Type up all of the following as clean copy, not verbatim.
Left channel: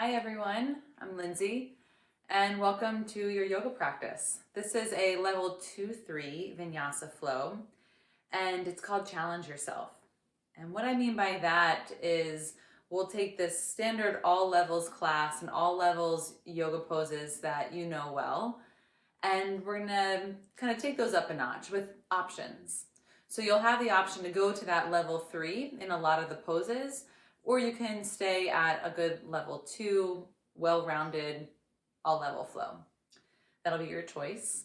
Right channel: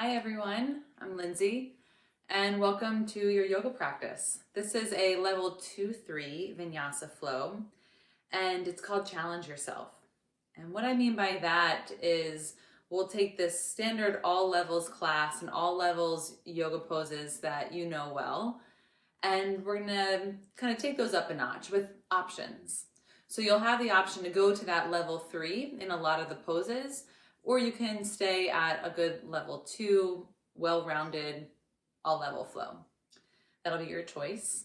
Hi everyone, I'm Lindsay and welcome to your yoga practice. This is a level 2-3 vinyasa flow and it's called Challenge Yourself. And what I mean by that is we'll take this standard all levels class and all levels yoga poses that you know well, and we're gonna kind of take those up a notch with options. So you'll have the option to go to that level 3 in a lot of the poses, or you can stay at a good level 2, well-rounded, all-level flow. That'll be your choice.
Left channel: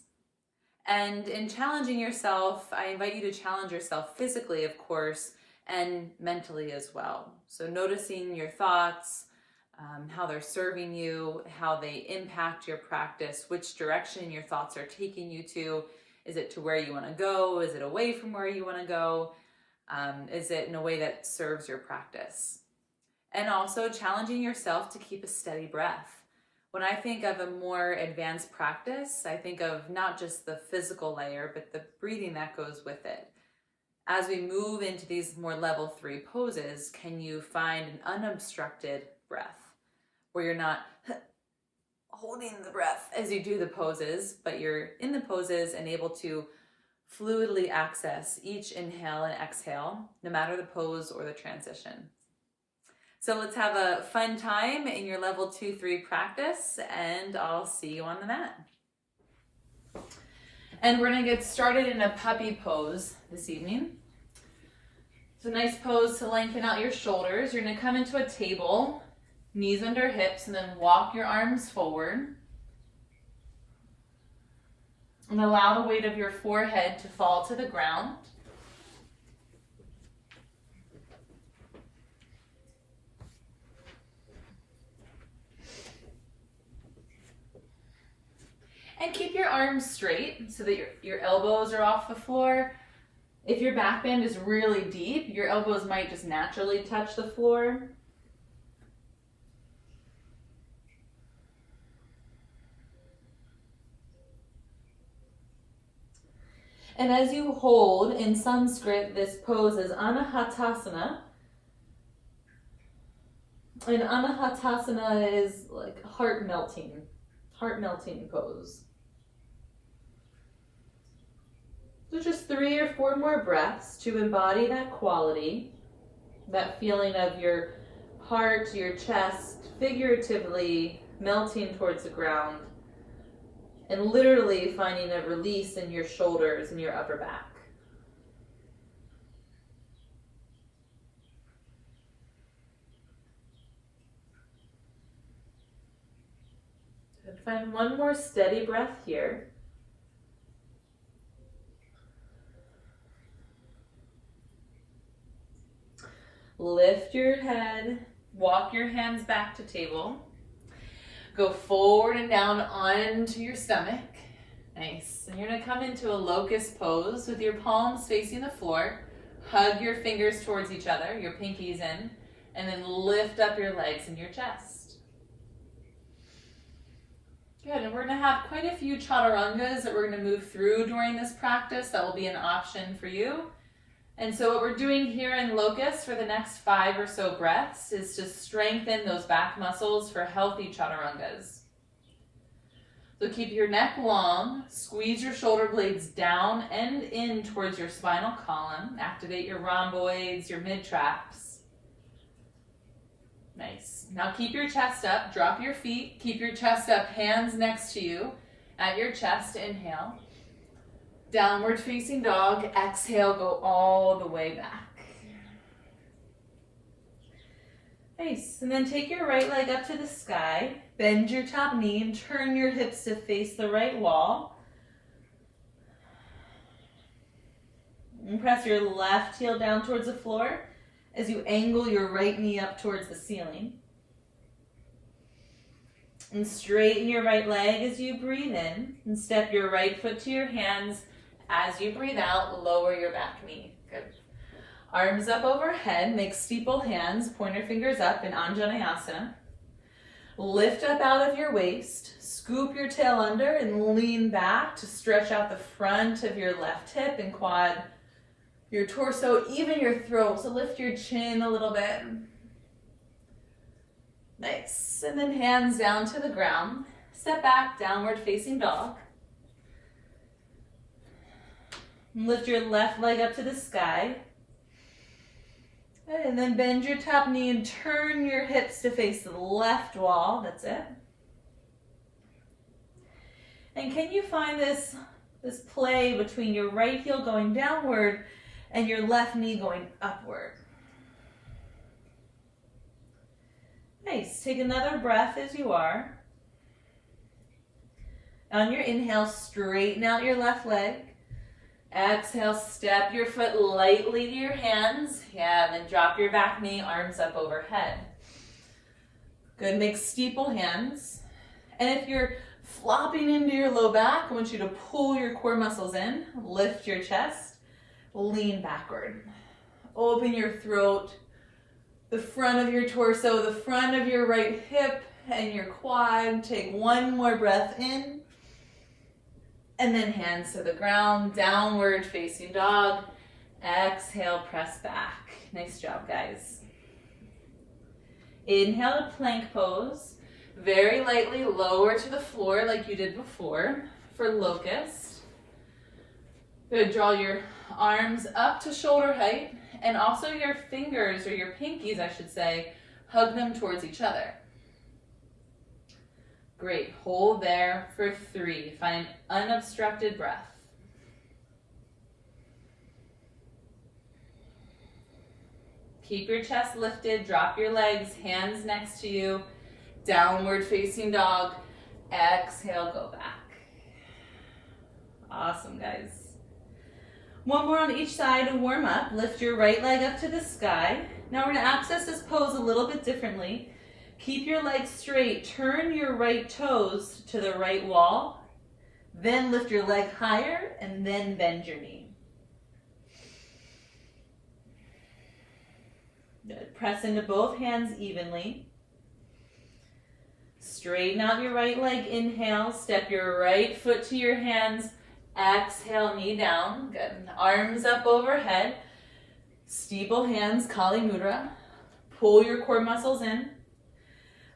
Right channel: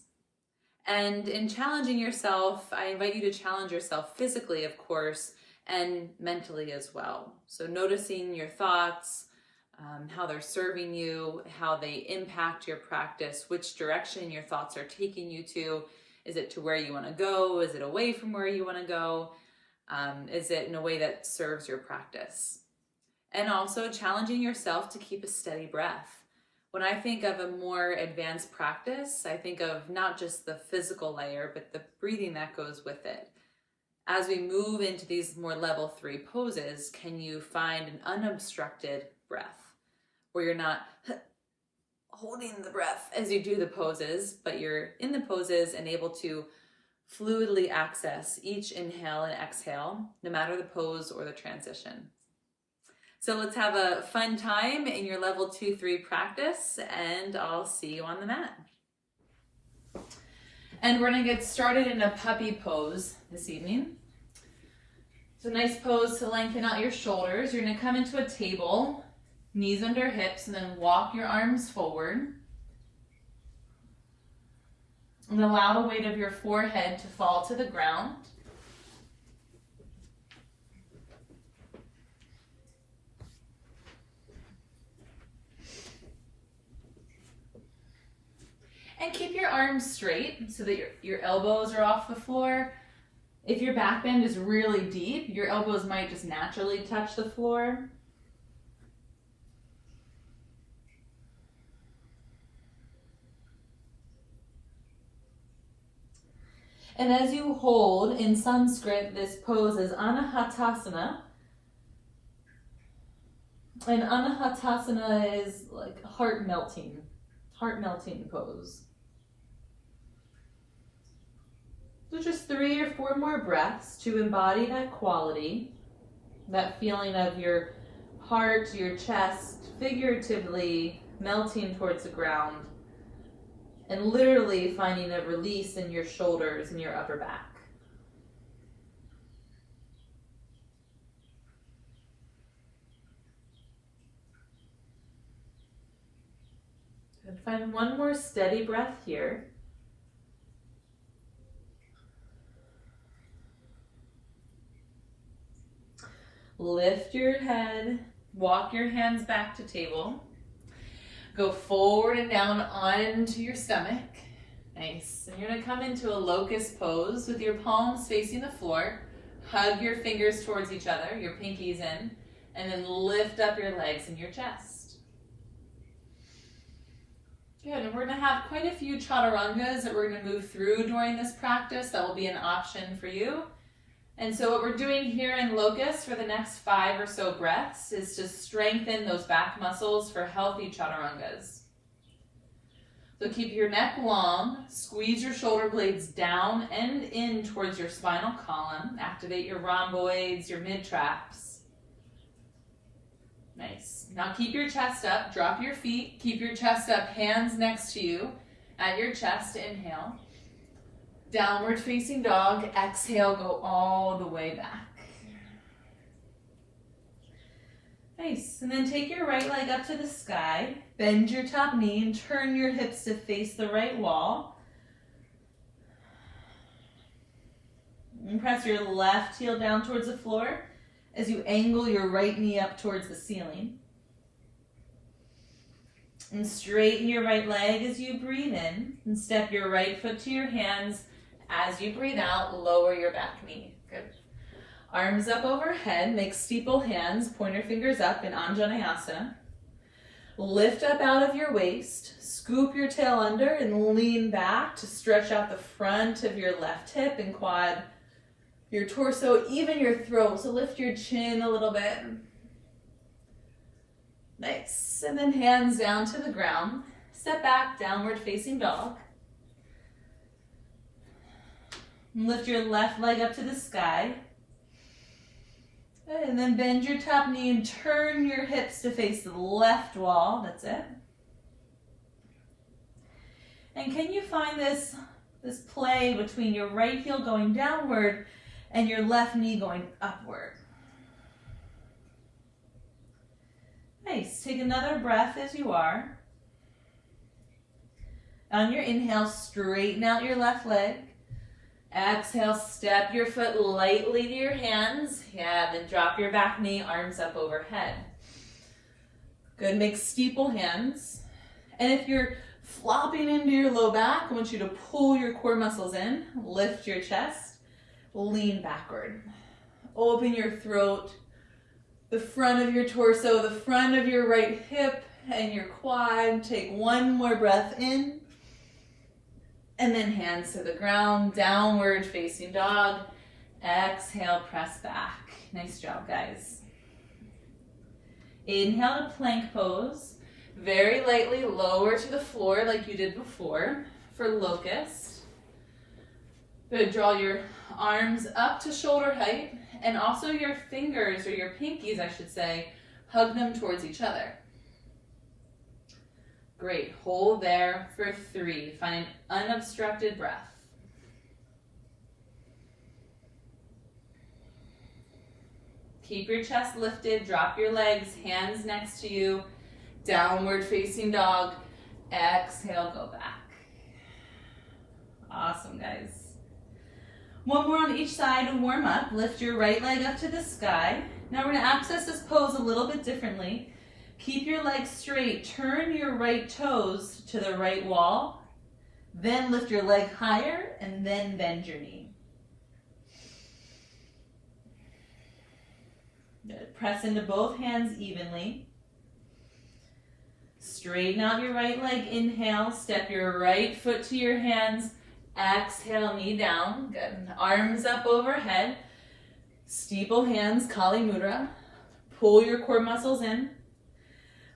And in challenging yourself, I invite you to challenge yourself physically, of course, and mentally as well. So noticing your thoughts, how they're serving you, how they impact your practice, which direction your thoughts are taking you to. Is it to where you want to go? Is it away from where you want to go? Is it in a way that serves your practice? And also challenging yourself to keep a steady breath. When I think of a more advanced practice, I think of not just the physical layer, but the breathing that goes with it. As we move into these more level 3 poses, can you find an unobstructed breath where you're not holding the breath as you do the poses, but you're in the poses and able to fluidly access each inhale and exhale, no matter the pose or the transition. So let's have a fun time in your level 2-3 practice, and I'll see you on the mat. And we're gonna get started in a puppy pose this evening. It's a nice pose to lengthen out your shoulders. You're gonna come into a table, knees under hips, and then walk your arms forward. And allow the weight of your forehead to fall to the ground. And keep your arms straight so that your elbows are off the floor. If your back bend is really deep, your elbows might just naturally touch the floor. And as you hold, in Sanskrit, this pose is anahatasana. And anahatasana is like heart melting pose. So just 3 or 4 more breaths to embody that quality, that feeling of your heart, your chest, figuratively melting towards the ground, and literally finding a release in your shoulders and your upper back. And find one more steady breath here. Lift your head, walk your hands back to table. Go forward and down onto your stomach. Nice. And you're gonna come into a locust pose with your palms facing the floor. Hug your fingers towards each other, your pinkies in, and then lift up your legs and your chest. Good, and we're gonna have quite a few chaturangas that we're gonna move through during this practice. That will be an option for you. And so what we're doing here in locust for the next 5 or so breaths is to strengthen those back muscles for healthy chaturangas. So keep your neck long, squeeze your shoulder blades down and in towards your spinal column. Activate your rhomboids, your mid-traps. Nice. Now keep your chest up, drop your feet, keep your chest up, hands next to you at your chest, inhale. Downward facing dog, exhale, go all the way back. Nice, and then take your right leg up to the sky, bend your top knee and turn your hips to face the right wall. And press your left heel down towards the floor as you angle your right knee up towards the ceiling. And straighten your right leg as you breathe in, and step your right foot to your hands. As you breathe out, lower your back knee. Good. Arms up overhead, make steeple hands, pointer fingers up in Anjaneyasana. Lift up out of your waist, scoop your tail under and lean back to stretch out the front of your left hip and quad, your torso, even your throat. So lift your chin a little bit. Nice. And then hands down to the ground. Step back, downward facing dog. Lift your left leg up to the sky. And then bend your top knee and turn your hips to face the left wall. That's it. And can you find this play between your right heel going downward and your left knee going upward? Nice. Take another breath as you are. On your inhale, straighten out your left leg. Exhale, step your foot lightly to your hands. Yeah, then drop your back knee, arms up overhead. Good, make steeple hands. And if you're flopping into your low back, I want you to pull your core muscles in, lift your chest, lean backward. Open your throat, the front of your torso, the front of your right hip, and your quad. Take one more breath in. And then hands to the ground, downward facing dog. Exhale, press back. Nice job, guys. Inhale to plank pose. Very lightly lower to the floor like you did before for locust. Good, draw your arms up to shoulder height and also your fingers, or your pinkies I should say, hug them towards each other. Great, hold there for 3. Find unobstructed breath. Keep your chest lifted, drop your legs, hands next to you, downward facing dog. Exhale, go back. Awesome, guys. One more on each side to warm up. Lift your right leg up to the sky. Now we're going to access this pose a little bit differently. Keep your legs straight, turn your right toes to the right wall, then lift your leg higher and then bend your knee. Good. Press into both hands evenly. Straighten out your right leg, inhale, step your right foot to your hands, exhale, knee down. Good. Arms up overhead, steeple hands, Kali Mudra. Pull your core muscles in.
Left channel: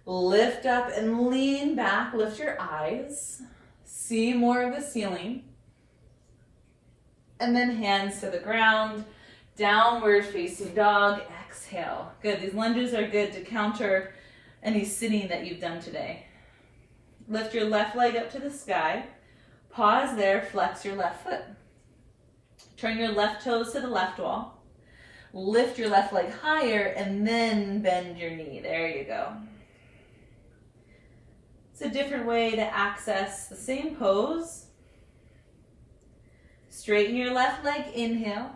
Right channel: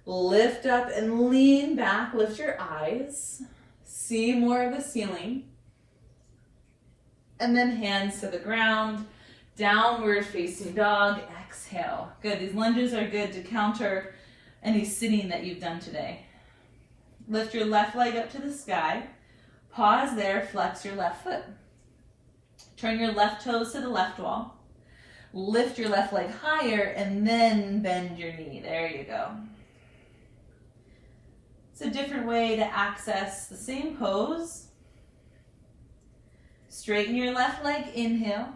Lift up and lean back, lift your eyes, see more of the ceiling, and then hands to the ground, downward facing dog, exhale. Good, these lunges are good to counter any sitting that you've done today. Lift your left leg up to the sky, pause there, flex your left foot. Turn your left toes to the left wall, lift your left leg higher, and then bend your knee. There you go. It's a different way to access the same pose. Straighten your left leg, inhale.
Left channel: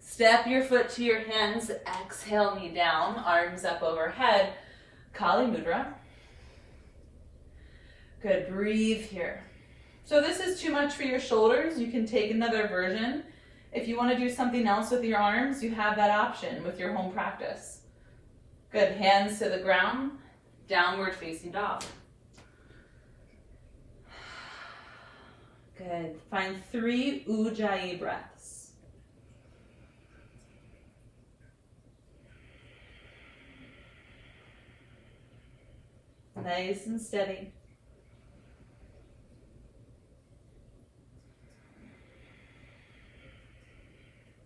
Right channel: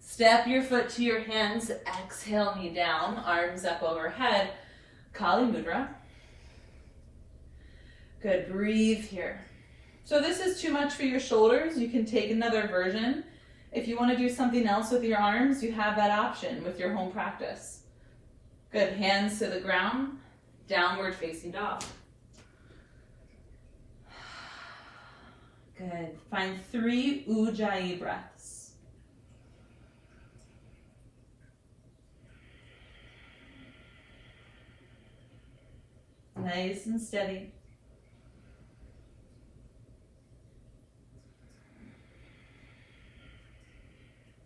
Step your foot to your hands, exhale, knee down, arms up overhead, Kali Mudra. Good, breathe here. So this is too much for your shoulders. You can take another version. If you want to do something else with your arms, you have that option with your home practice. Good, hands to the ground, downward facing dog. Good. Find 3 Ujjayi breaths. Nice and steady.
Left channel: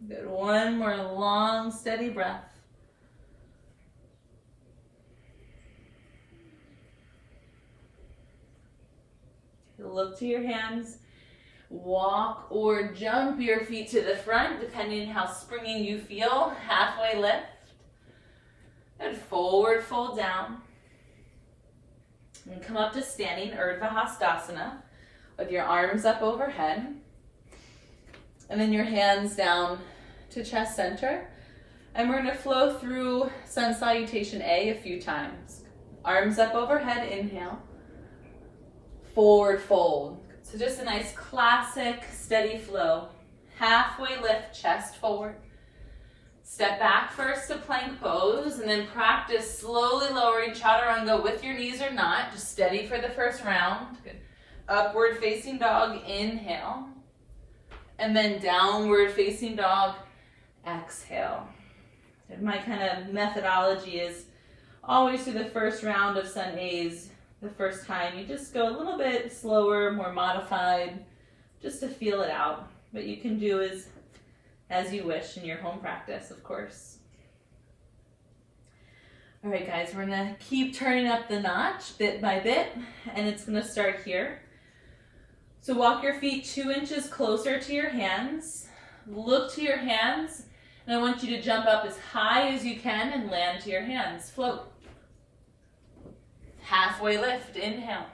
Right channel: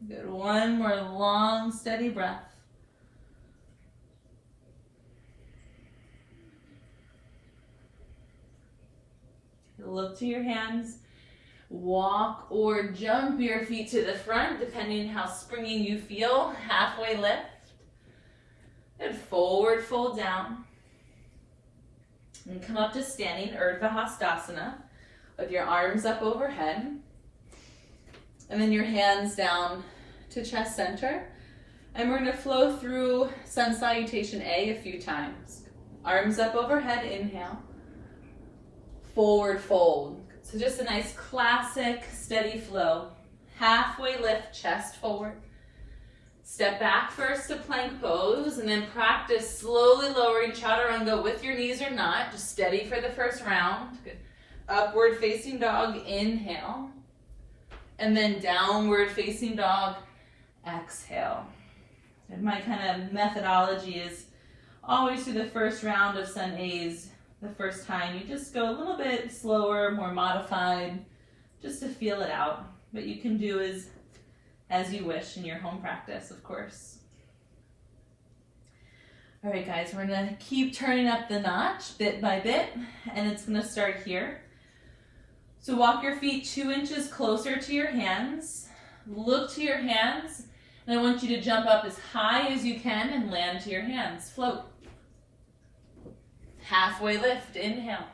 Good. One more long, steady breath. Look to your hands. Walk or jump your feet to the front, depending on how springy you feel. Halfway lift. And forward fold down. And come up to standing Urdhva Hastasana with your arms up overhead. And then your hands down to chest center. And we're going to flow through Sun Salutation A a few times. Arms up overhead, inhale. Forward fold. So just a nice classic steady flow. Halfway lift, chest forward. Step back first to plank pose, and then practice slowly lowering chaturanga with your knees or not. Just steady for the first round. Good. Upward facing dog, inhale. And then downward facing dog, exhale. And my kind of methodology is always do the first round of Sun A's the first time. You just go a little bit slower, more modified, just to feel it out. But you can do as you wish in your home practice, of course. All right, guys, we're gonna keep turning up the notch bit by bit, and it's gonna start here. So walk your feet 2 inches closer to your hands. Look to your hands, and I want you to jump up as high as you can and land to your hands. Float. Halfway lift, inhale.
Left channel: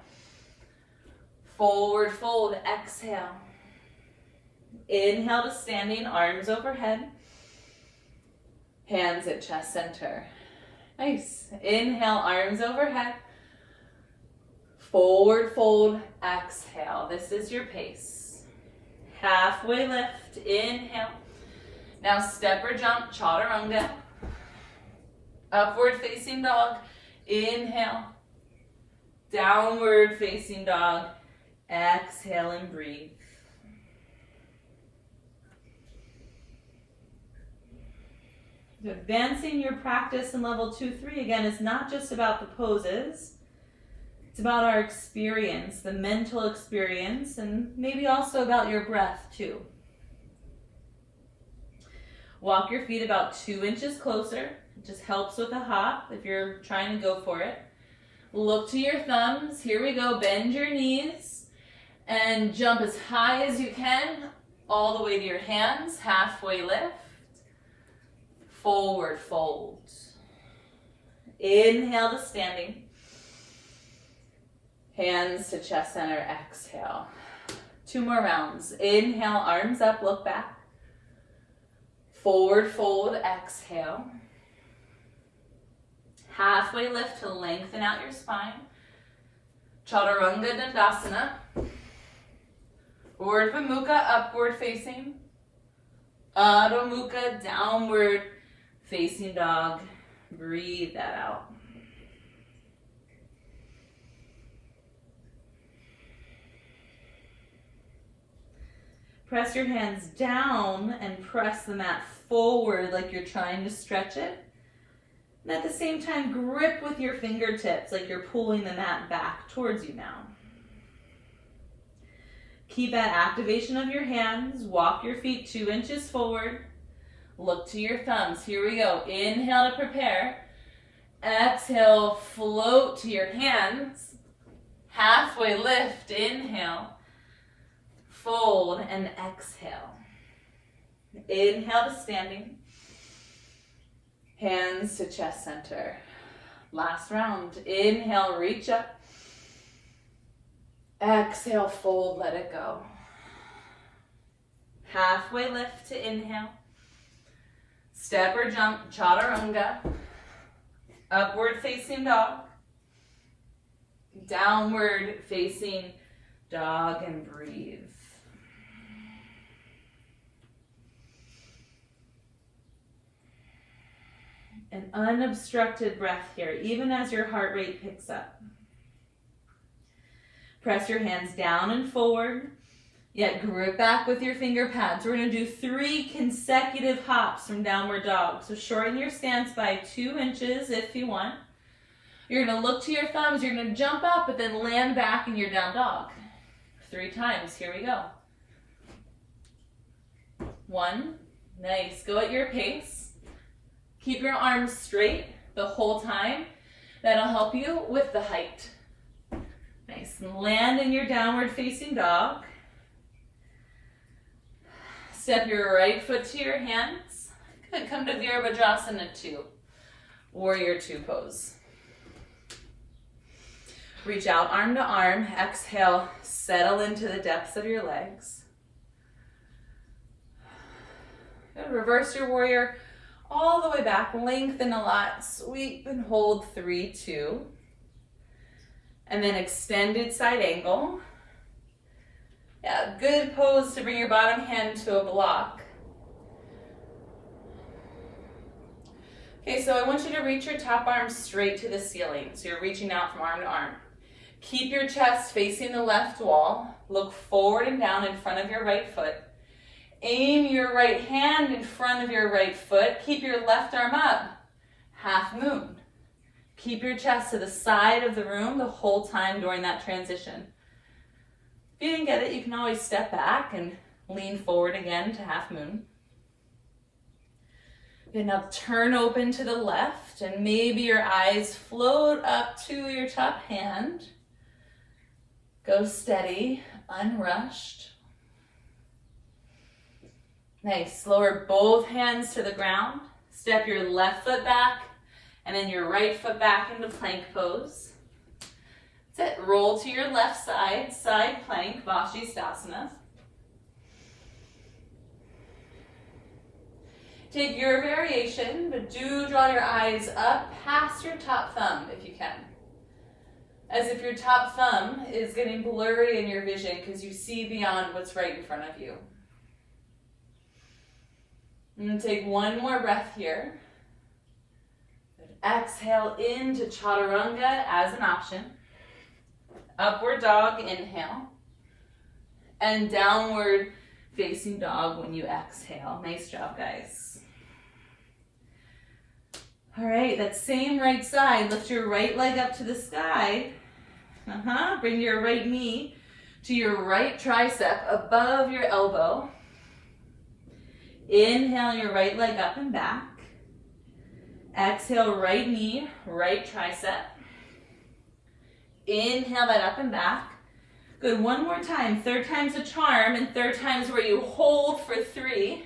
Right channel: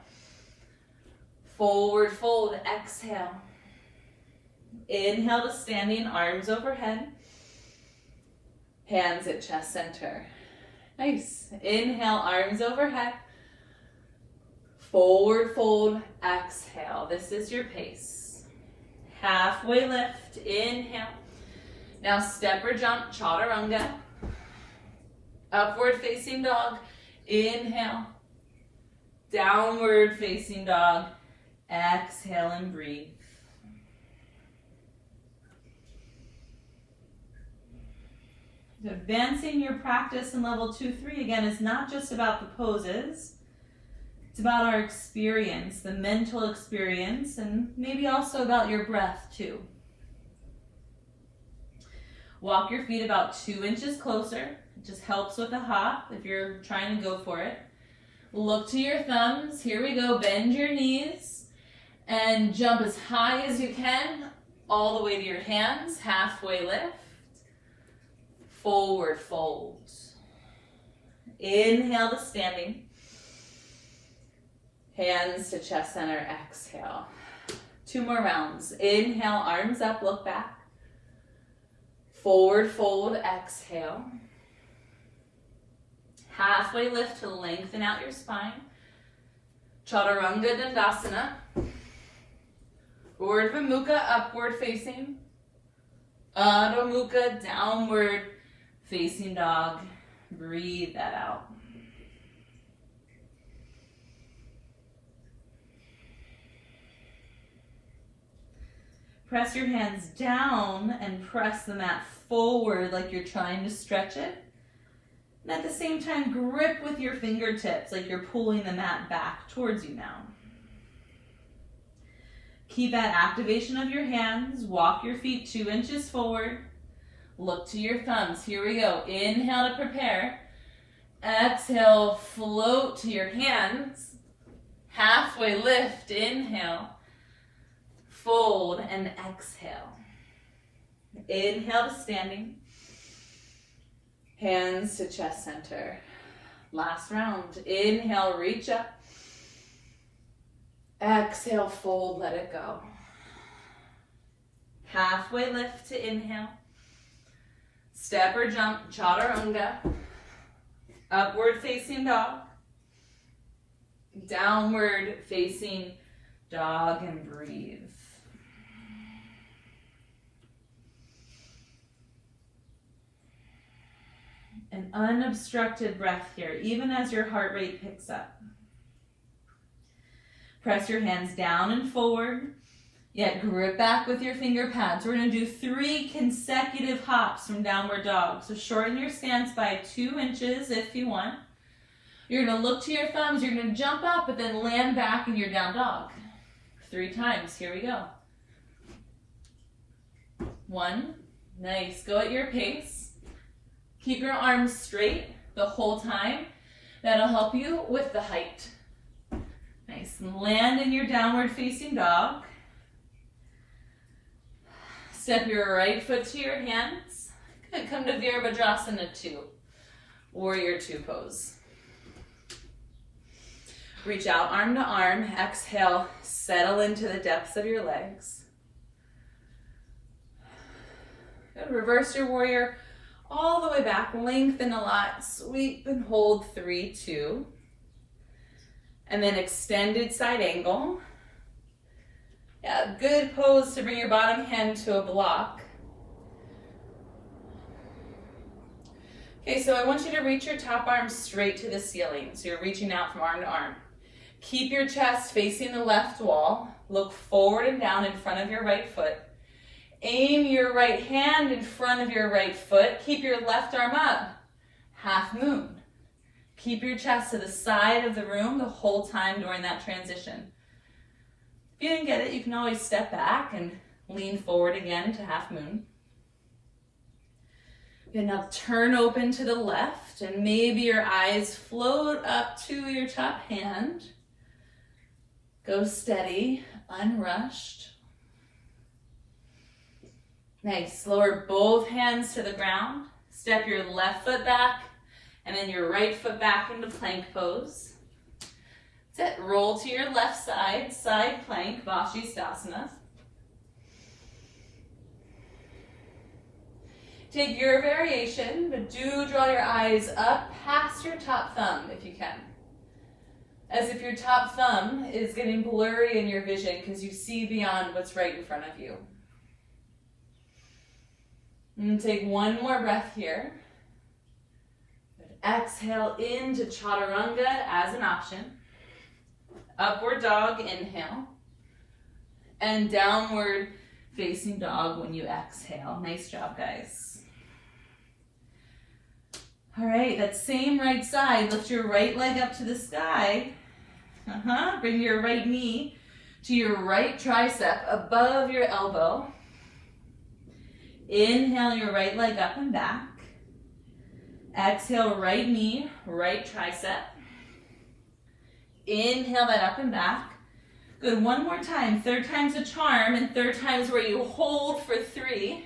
Forward fold, exhale. Inhale to standing, arms overhead. Hands at chest center. Nice. Inhale, arms overhead. Forward fold, exhale. This is your pace. Halfway lift, inhale. Now step or jump, chaturanga. Upward facing dog, inhale. Downward facing dog, exhale and breathe. Advancing your practice in level 2-3 again is not just about the poses. It's about our experience, the mental experience, and maybe also about your breath too. Walk your feet about 2 inches closer. It just helps with a hop if you're trying to go for it. Look to your thumbs. Here we go. Bend your knees and jump as high as you can all the way to your hands. Halfway lift. Forward fold. Inhale to standing. Hands to chest center, exhale. 2 more rounds. Inhale, arms up, look back. Forward fold, exhale. Halfway lift to lengthen out your spine. Chaturanga Dandasana. Urdhva Mukha, upward facing. Adho Mukha, downward facing dog. Breathe that out. Press your hands down and press the mat forward like you're trying to stretch it. And at the same time, grip with your fingertips like you're pulling the mat back towards you now. Keep that activation of your hands. Walk your feet 2 inches forward. Look to your thumbs. Here we go. Inhale to prepare. Exhale, float to your hands. Halfway lift, inhale. Fold and exhale. Inhale to standing. Hands to chest center. Last round. Inhale, reach up. Exhale, fold, let it go. Halfway lift to inhale. Step or jump, chaturanga. Upward facing dog. Downward facing dog and breathe. An unobstructed breath here, even as your heart rate picks up. Press your hands down and forward, yet grip back with your finger pads. We're going to do 3 consecutive hops from downward dog. So shorten your stance by 2 inches if you want. You're going to look to your thumbs, you're going to jump up, but then land back in your down dog. 3 times, here we go. 1, nice, go at your pace. Keep your arms straight the whole time. That'll help you with the height. Nice, and land in your downward facing dog. Step your right foot to your hands. Good, come to Virabhadrasana 2, Warrior 2 pose. Reach out arm to arm, exhale, settle into the depths of your legs. Good, reverse your warrior all the way back, lengthen a lot, sweep and hold 3, 2. And then extended side angle. Yeah, good pose to bring your bottom hand to a block. Okay, so I want you to reach your top arm straight to the ceiling. So you're reaching out from arm to arm. Keep your chest facing the left wall. Look forward and down in front of your right foot. Aim your right hand in front of your right foot. Keep your left arm up. Half moon. Keep your chest to the side of the room the whole time during that transition. If you didn't get it, you can always step back and lean forward again to half moon. Good, now turn open to the left and maybe your eyes float up to your top hand. Go steady, unrushed. Nice, lower both hands to the ground. Step your left foot back and then your right foot back into plank pose. That's it, roll to your left side, side plank, Vashistasana. Take your variation, but do draw your eyes up past your top thumb if you can. As if your top thumb is getting blurry in your vision because you see beyond what's right in front of you. And take one more breath here. Exhale into Chaturanga as an option. Upward dog, inhale. And downward facing dog when you exhale. Nice job, guys. All right, that same right side, lift your right leg up to the sky. Bring your right knee to your right tricep above your elbow. Inhale your right leg up and back. Exhale, right knee, right tricep. Inhale that up and back. Good, one more time. Third time's a charm, and third time's where you hold for 3.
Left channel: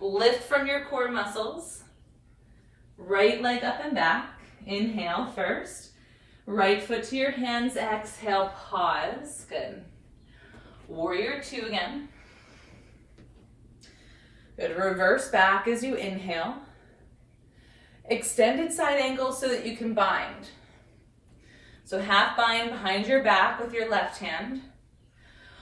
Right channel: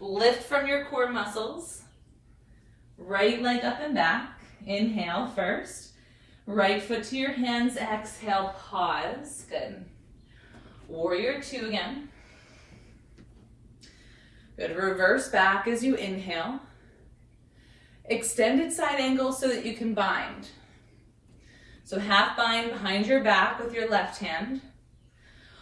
Lift from your core muscles. Right leg up and back. Inhale first. Right foot to your hands. Exhale, pause. Good. Warrior 2 again. Good, reverse back as you inhale. Extended side angle so that you can bind. So half bind behind your back with your left hand,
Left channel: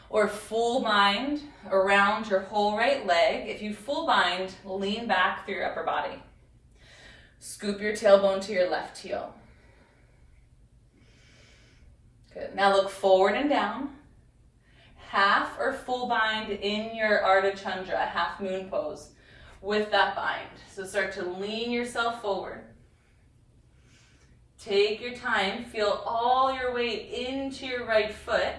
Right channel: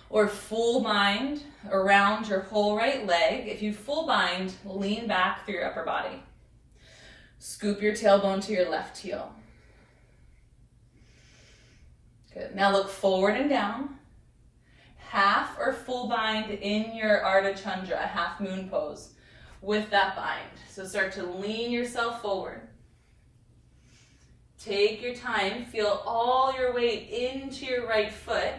or full bind around your whole right leg. If you full bind, lean back through your upper body. Scoop your tailbone to your left heel. Good, now look forward and down. Half or full bind in your Ardha Chandra, half moon pose with that bind. So start to lean yourself forward. Take your time, feel all your weight into your right foot.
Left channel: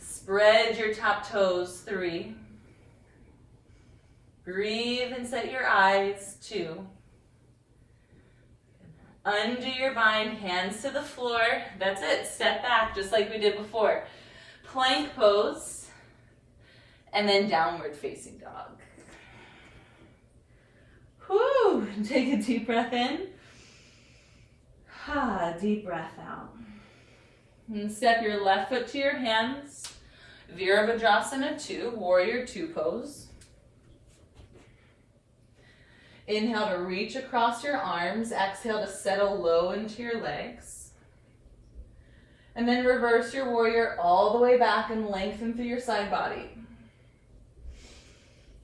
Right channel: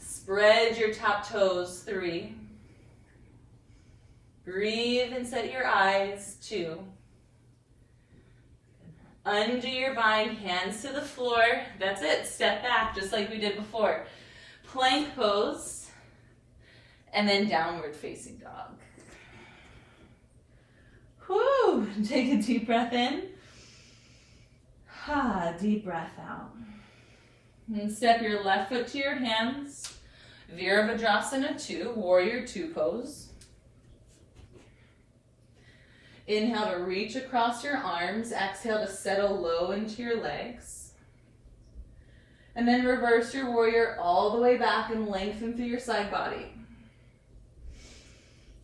Spread your top toes, 3. Breathe and set your eyes, 2. Undo your bind, hands to the floor. That's it, step back just like we did before. Plank pose, and then downward facing dog. Whew, take a deep breath in. Deep breath out. And step your left foot to your hands. Virabhadrasana 2, warrior 2 pose. Inhale to reach across your arms. Exhale to settle low into your legs. And then reverse your warrior all the way back and lengthen through your side body.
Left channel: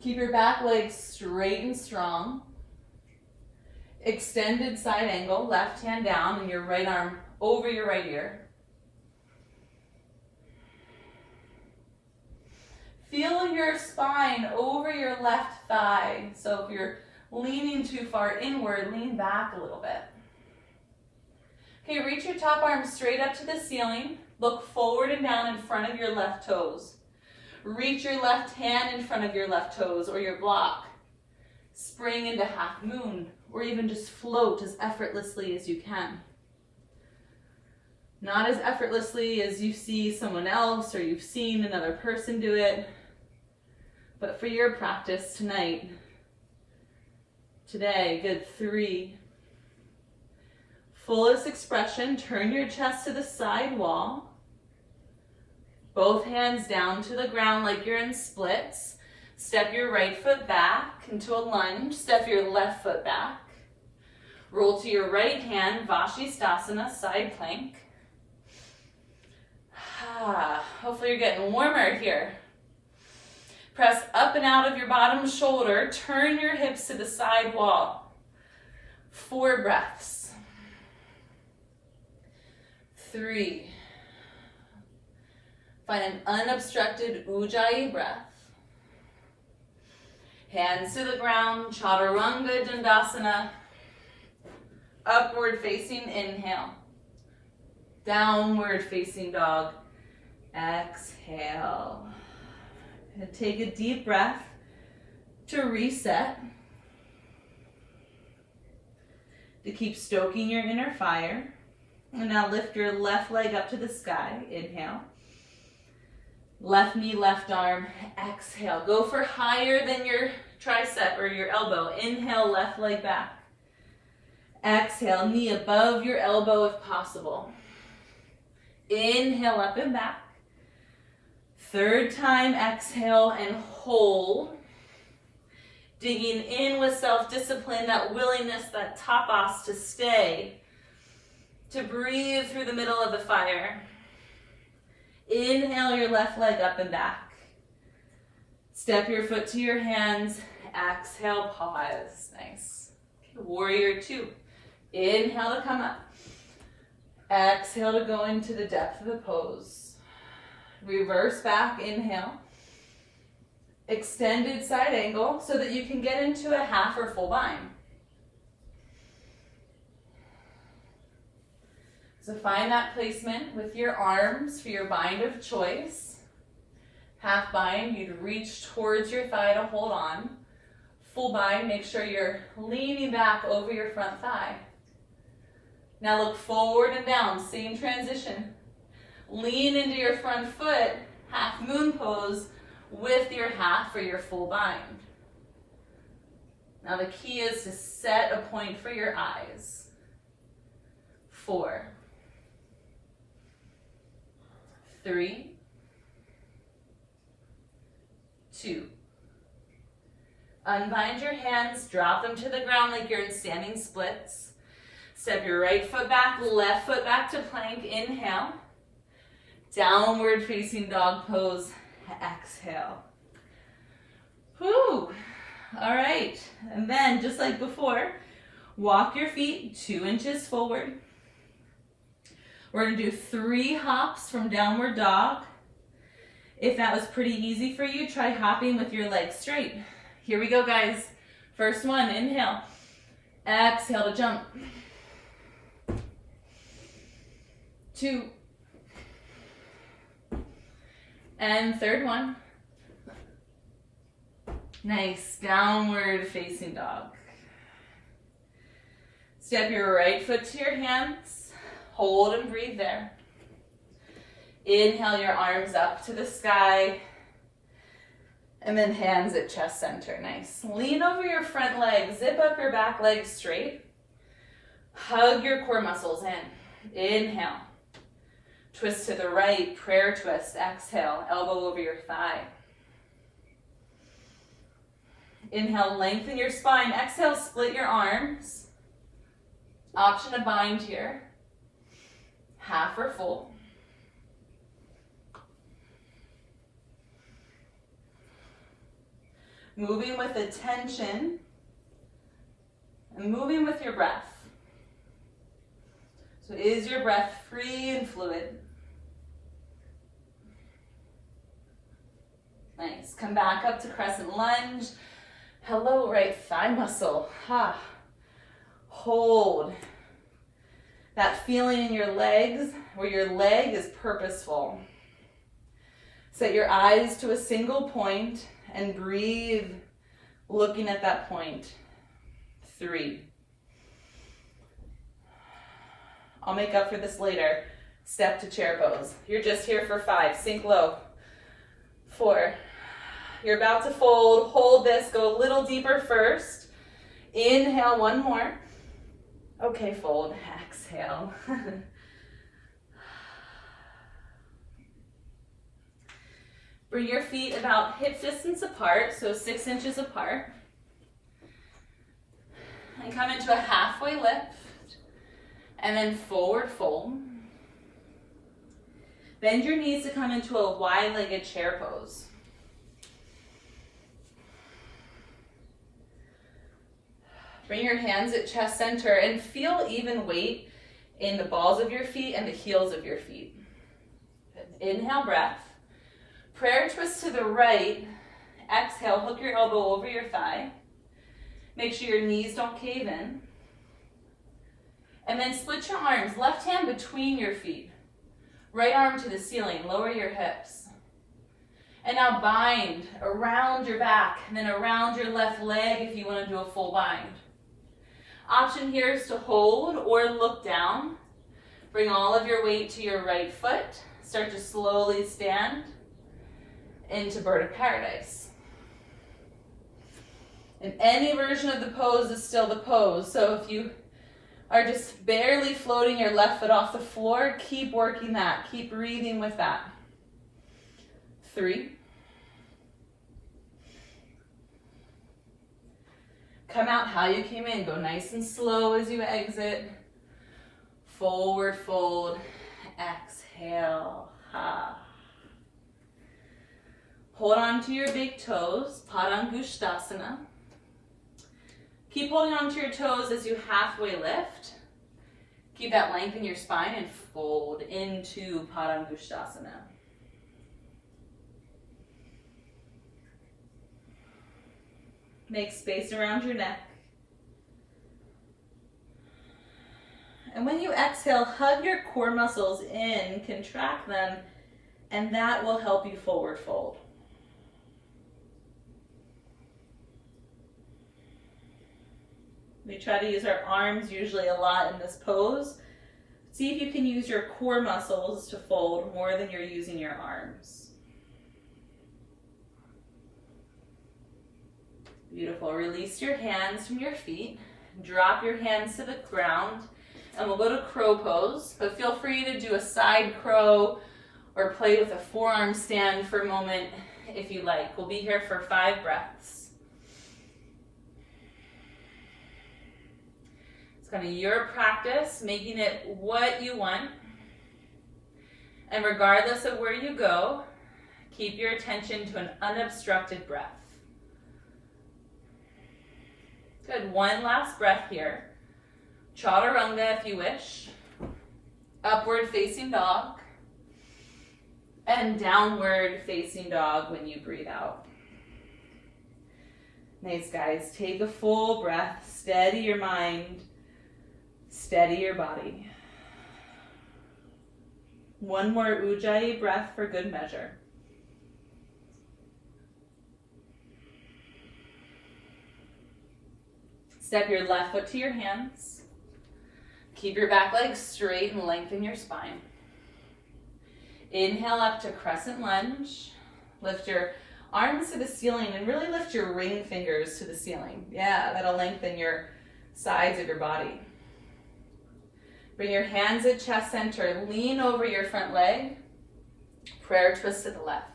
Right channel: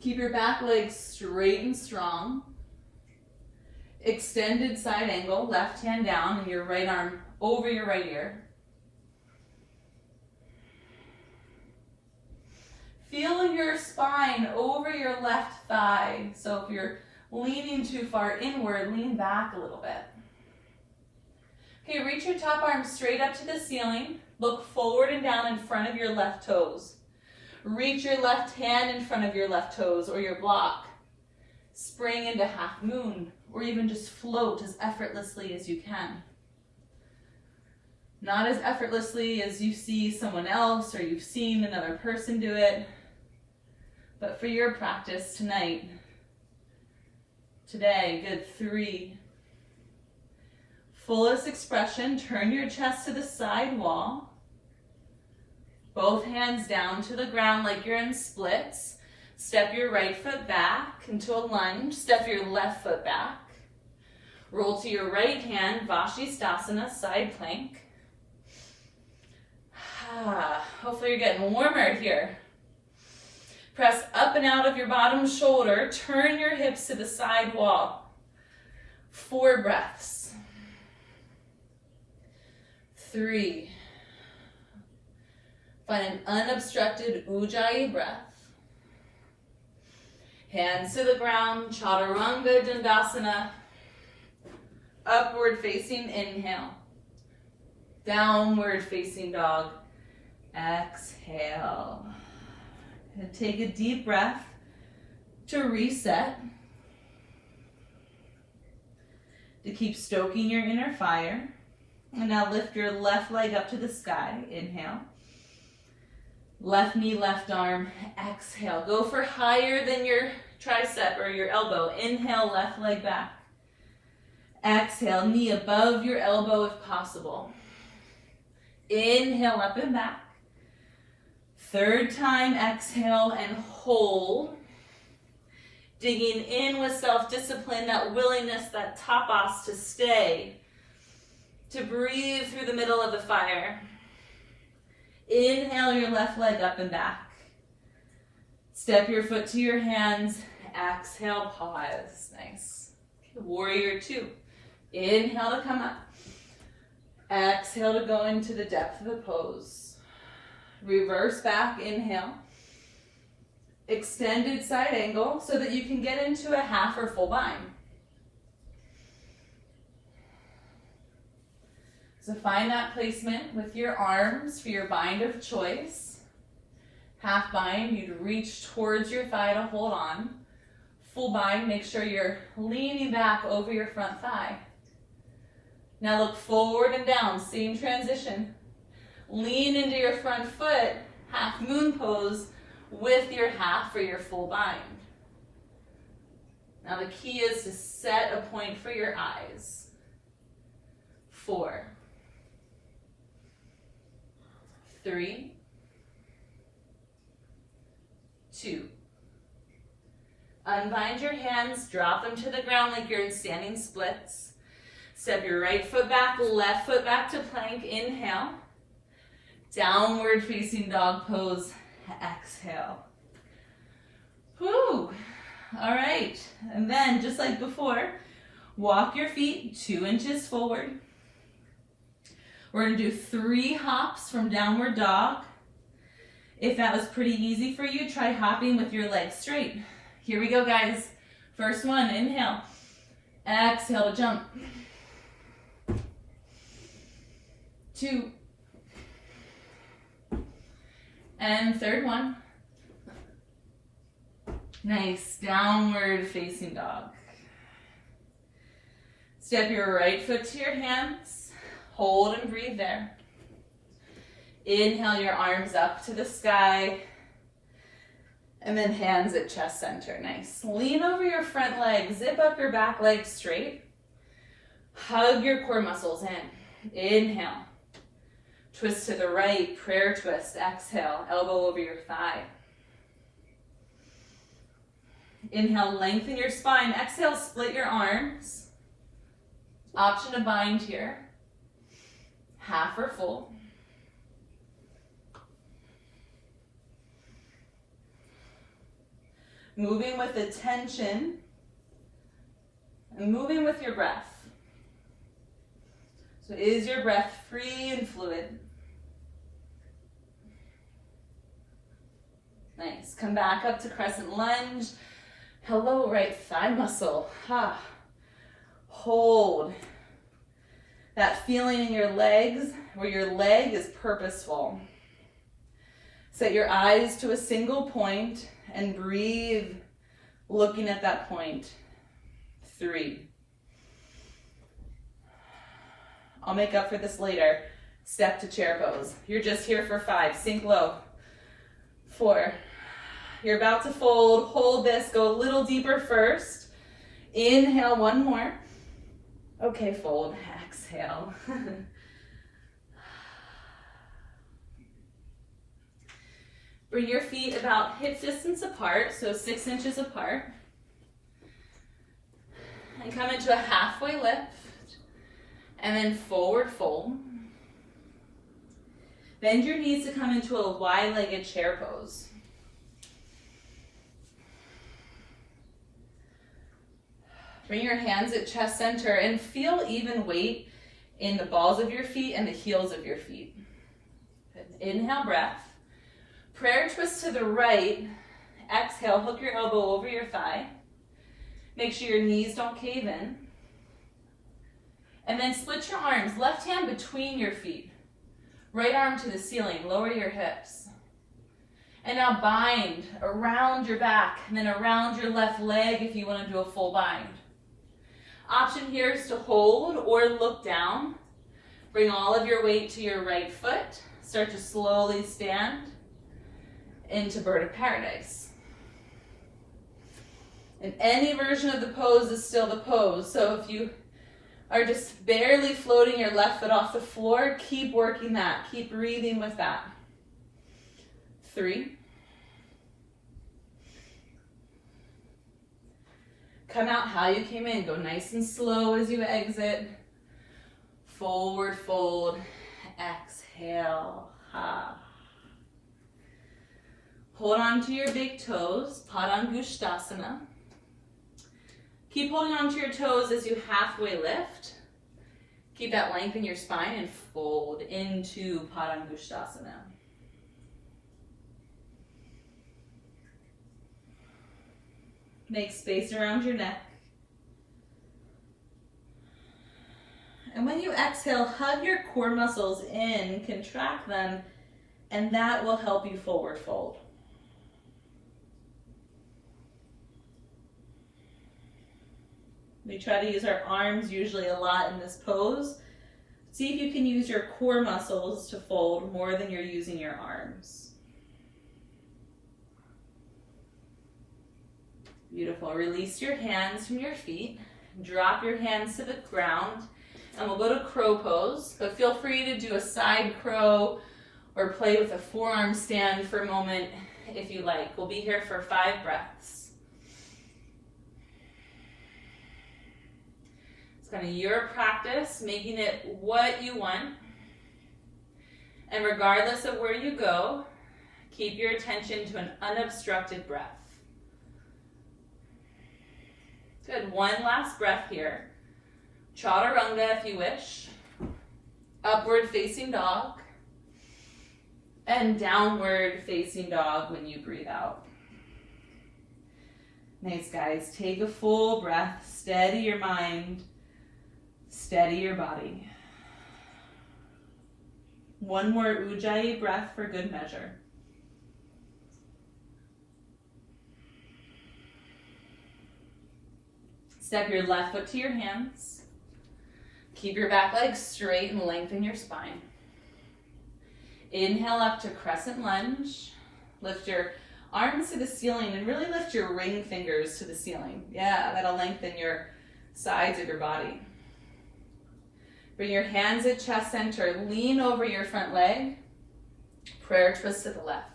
Keep your back legs straight and strong. Extended side angle, left hand down and your right arm over your right ear. Feel your spine over your left thigh. So if you're leaning too far inward, lean back a little bit. Okay, reach your top arm straight up to the ceiling. Look forward and down in front of your left toes. Reach your left hand in front of your left toes or your block. Spring into half moon, or even just float as effortlessly as you can. Not as effortlessly as you see someone else or you've seen another person do it, but for your practice tonight, today, good, 3. Fullest expression, turn your chest to the side wall. Both hands down to the ground like you're in splits. Step your right foot back into a lunge. Step your left foot back. Roll to your right hand, Vashistasana, side plank. Hopefully you're getting warmer here. Press up and out of your bottom shoulder. Turn your hips to the side wall. 4 breaths. 3. Find an unobstructed Ujjayi breath. Hands to the ground, Chaturanga Dandasana. Upward facing, inhale. Downward facing dog, exhale. And take a deep breath to reset, to keep stoking your inner fire. And now lift your left leg up to the sky, inhale. Left knee, left arm, exhale. Go for higher than your tricep or your elbow. Inhale, left leg back. Exhale, knee above your elbow if possible. Inhale, up and back. Third time, exhale and hold. Digging in with self-discipline, that willingness, that tapas to stay, to breathe through the middle of the fire. Inhale your left leg up and back. Step your foot to your hands. Exhale, pause. Nice. Okay, warrior two. Inhale to come up. Exhale to go into the depth of the pose. Reverse back, inhale. Extended side angle so that you can get into a half or full bind. So find that placement with your arms for your bind of choice. Half bind, you'd reach towards your thigh to hold on. Full bind, make sure you're leaning back over your front thigh. Now look forward and down, same transition. Lean into your front foot, half moon pose with your half for your full bind. Now the key is to set a point for your eyes. 4, 3, 2. Unbind your hands, drop them to the ground like you're in standing splits. Step your right foot back, left foot back to plank, inhale. Downward facing dog pose, exhale. Whew. All right, and then just like before, walk your feet 2 inches forward. We're gonna do 3 hops from downward dog. If that was pretty easy for you, try hopping with your legs straight. Here we go, guys. First one, inhale. Exhale to jump. 2. And third one. Nice, downward facing dog. Step your right foot to your hands. Hold and breathe there. Inhale your arms up to the sky. And then hands at chest center, nice. Lean over your front leg, zip up your back leg straight. Hug your core muscles in. Inhale. Twist to the right, prayer twist. Exhale, elbow over your thigh. Inhale, lengthen your spine. Exhale, split your arms. Option to bind here. Half or full. Moving with attention and moving with your breath. So is your breath free and fluid? Nice. Come back up to crescent lunge. Hello, right thigh muscle. Ha. Hold. That feeling in your legs where your leg is purposeful. Set your eyes to a single point and breathe, looking at that point. 3. I'll make up for this later. Step to chair pose. You're just here for 5. Sink low. 4. You're about to fold. Hold this. Go a little deeper first. Inhale, 1 more. Okay, fold. Exhale. Bring your feet about hip distance apart, so 6 inches apart. And come into a halfway lift. And then forward fold. Bend your knees to come into a wide-legged chair pose. Bring your hands at chest center and feel even weight in the balls of your feet and the heels of your feet. Inhale, breath. Prayer twist to the right. Exhale, hook your elbow over your thigh. Make sure your knees don't cave in. And then split your arms, left hand between your feet. Right arm to the ceiling, lower your hips. And now bind around your back and then around your left leg if you want to do a full bind. Option here is to hold or look down. Bring all of your weight to your right foot. Start to slowly stand into bird of paradise. And any version of the pose is still the pose. So if you are just barely floating your left foot off the floor, keep working that. Keep breathing with that. 3. Come out how you came in. Go nice and slow as you exit. Forward fold. Exhale. Ha. Hold on to your big toes. Padangusthasana. Keep holding on to your toes as you halfway lift. Keep that length in your spine and fold into Padangusthasana. Make space around your neck. And when you exhale, hug your core muscles in, contract them, and that will help you forward fold. We try to use our arms usually a lot in this pose. See if you can use your core muscles to fold more than you're using your arms. Beautiful. Release your hands from your feet. Drop your hands to the ground. And we'll go to crow pose. But feel free to do a side crow or play with a forearm stand for a moment if you like. We'll be here for 5 breaths. It's kind of your practice, making it what you want. And regardless of where you go, keep your attention to an unobstructed breath. Good. One last breath here. Chaturanga if you wish. Upward facing dog. And downward facing dog when you breathe out. Nice, guys. Take a full breath. Steady your mind. Steady your body. One more Ujjayi breath for good measure. Step your left foot to your hands. Keep your back leg straight and lengthen your spine. Inhale up to crescent lunge. Lift your arms to the ceiling and really lift your ring fingers to the ceiling. Yeah, that'll lengthen your sides of your body. Bring your hands at chest center. Lean over your front leg. Prayer twist to the left.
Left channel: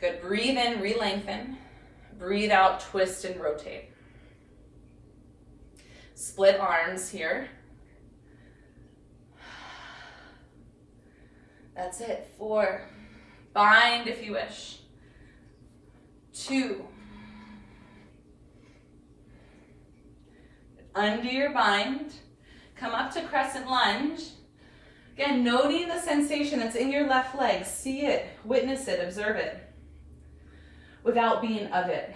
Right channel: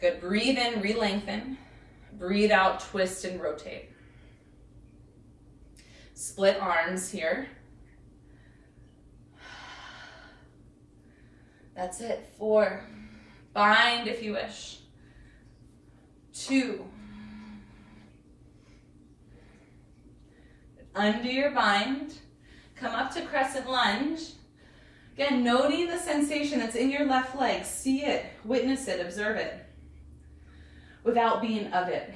Good. Breathe in, re-lengthen. Breathe out, twist and rotate. Split arms here. That's it. 4. Bind if you wish. 2. Undo your bind. Come up to crescent lunge. Again, noting the sensation that's in your left leg. See it, witness it, observe it, without being of it.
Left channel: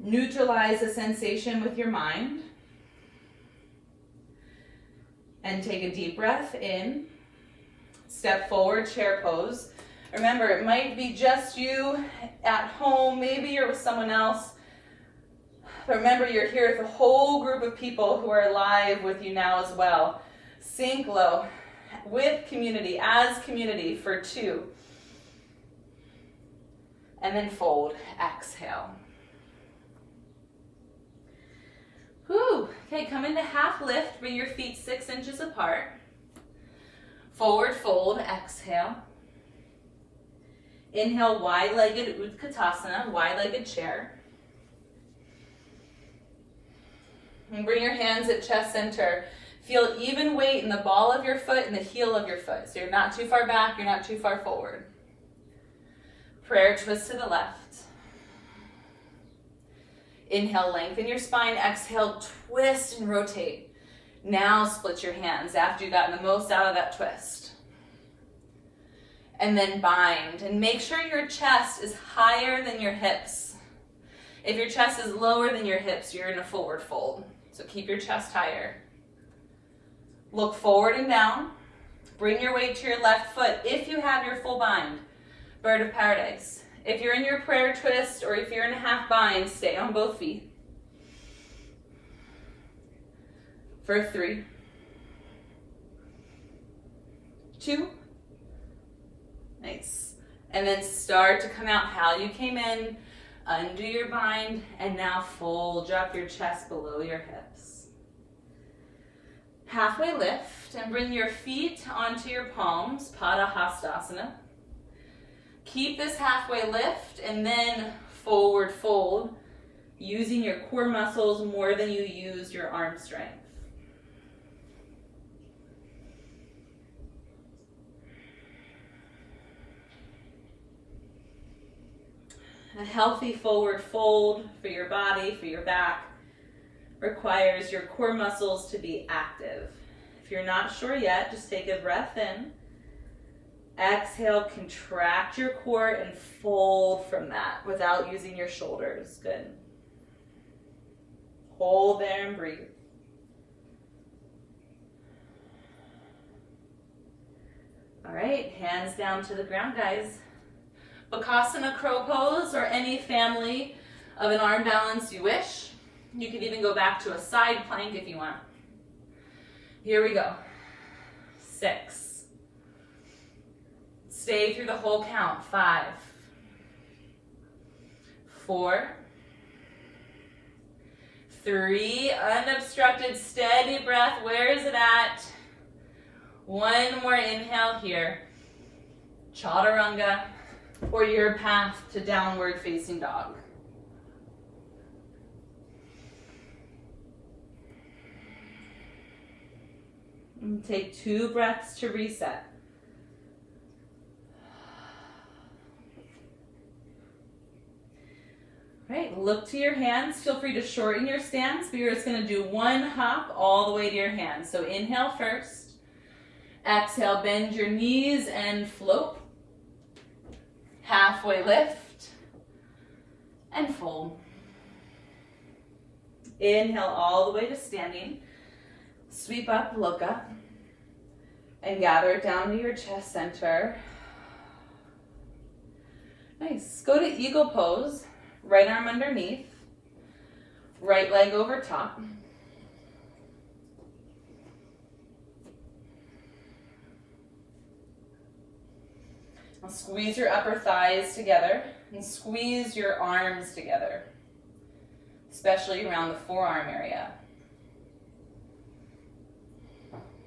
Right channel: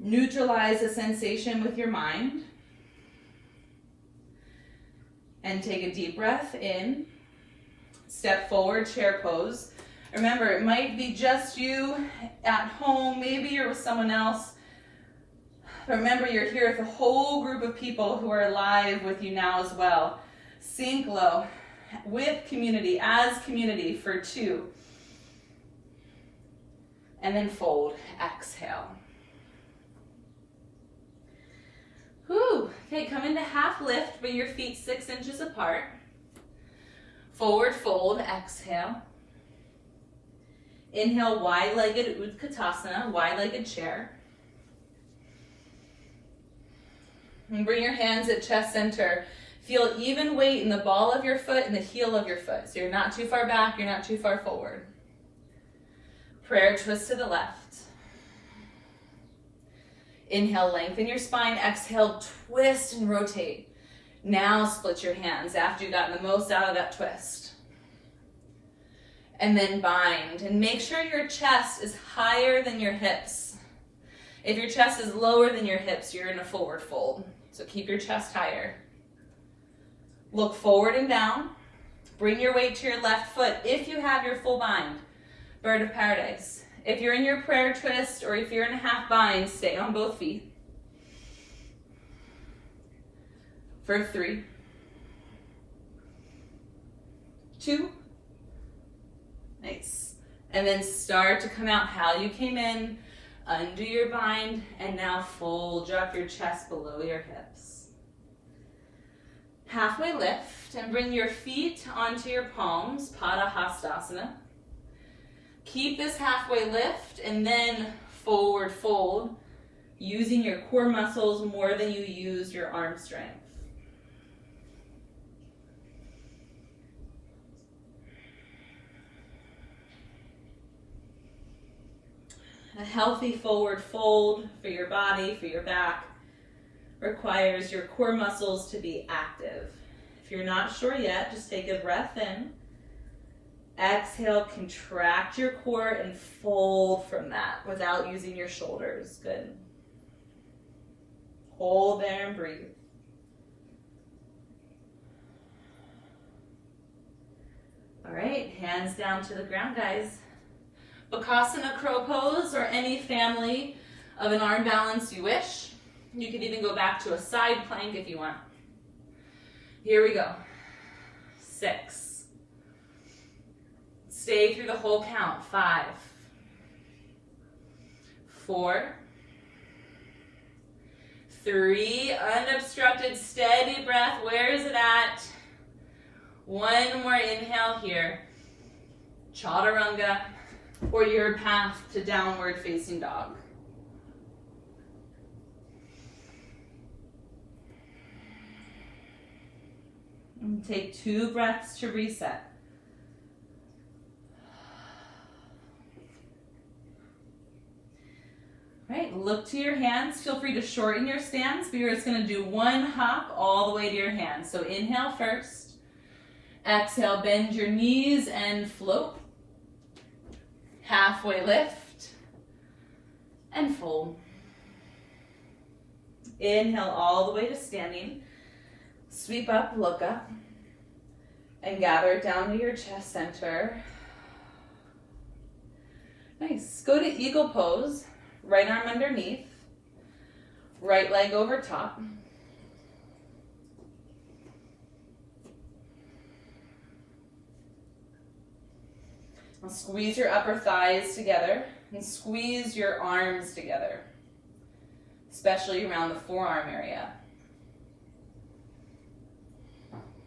Neutralize the sensation with your mind. And take a deep breath in. Step forward, chair pose. Remember, it might be just you at home. Maybe you're with someone else. But remember, you're here with a whole group of people who are live with you now as well. Sink low with community, as community for 2. And then fold. Exhale. Whew. Okay, come into half lift. Bring your feet 6 inches apart. Forward fold. Exhale. Inhale, wide-legged Utkatasana, wide-legged chair. And bring your hands at chest center. Feel even weight in the ball of your foot and the heel of your foot. So you're not too far back, you're not too far forward. Prayer twist to the left. Inhale, lengthen your spine. Exhale, twist and rotate. Now split your hands after you've gotten the most out of that twist. And then bind. And make sure your chest is higher than your hips. If your chest is lower than your hips, you're in a forward fold. So keep your chest higher. Look forward and down. Bring your weight to your left foot if you have your full bind. Bird of paradise. If you're in your prayer twist or if you're in a half bind, stay on both feet. For 3, 2, nice. And then start to come out how you came in, undo your bind, and now fold, drop your chest below your hips. Halfway lift and bring your feet onto your palms, Padahastasana. Keep this halfway lift and then forward fold, using your core muscles more than you use your arm strength. A healthy forward fold for your body, for your back, requires your core muscles to be active. If you're not sure yet, just take a breath in. Exhale, contract your core and fold from that without using your shoulders. Good. Hold there and breathe. All right, hands down to the ground, guys. Bakasana crow pose or any family of an arm balance you wish. You can even go back to a side plank if you want. Here we go. 6. Stay through the whole count. 5, 4, 3, unobstructed, steady breath. Where is it at? 1 more inhale here. Chaturanga, or your path to downward facing dog. And take 2 breaths to reset. All right, look to your hands. Feel free to shorten your stance, but you're just going to do 1 hop all the way to your hands. So inhale first. Exhale, bend your knees and float. Halfway lift and fold. Inhale all the way to standing. Sweep up, look up, and gather it down to your chest center. Nice. Go to eagle pose. Right arm underneath. Right leg over top. Now squeeze your upper thighs together and squeeze your arms together, especially around the forearm area.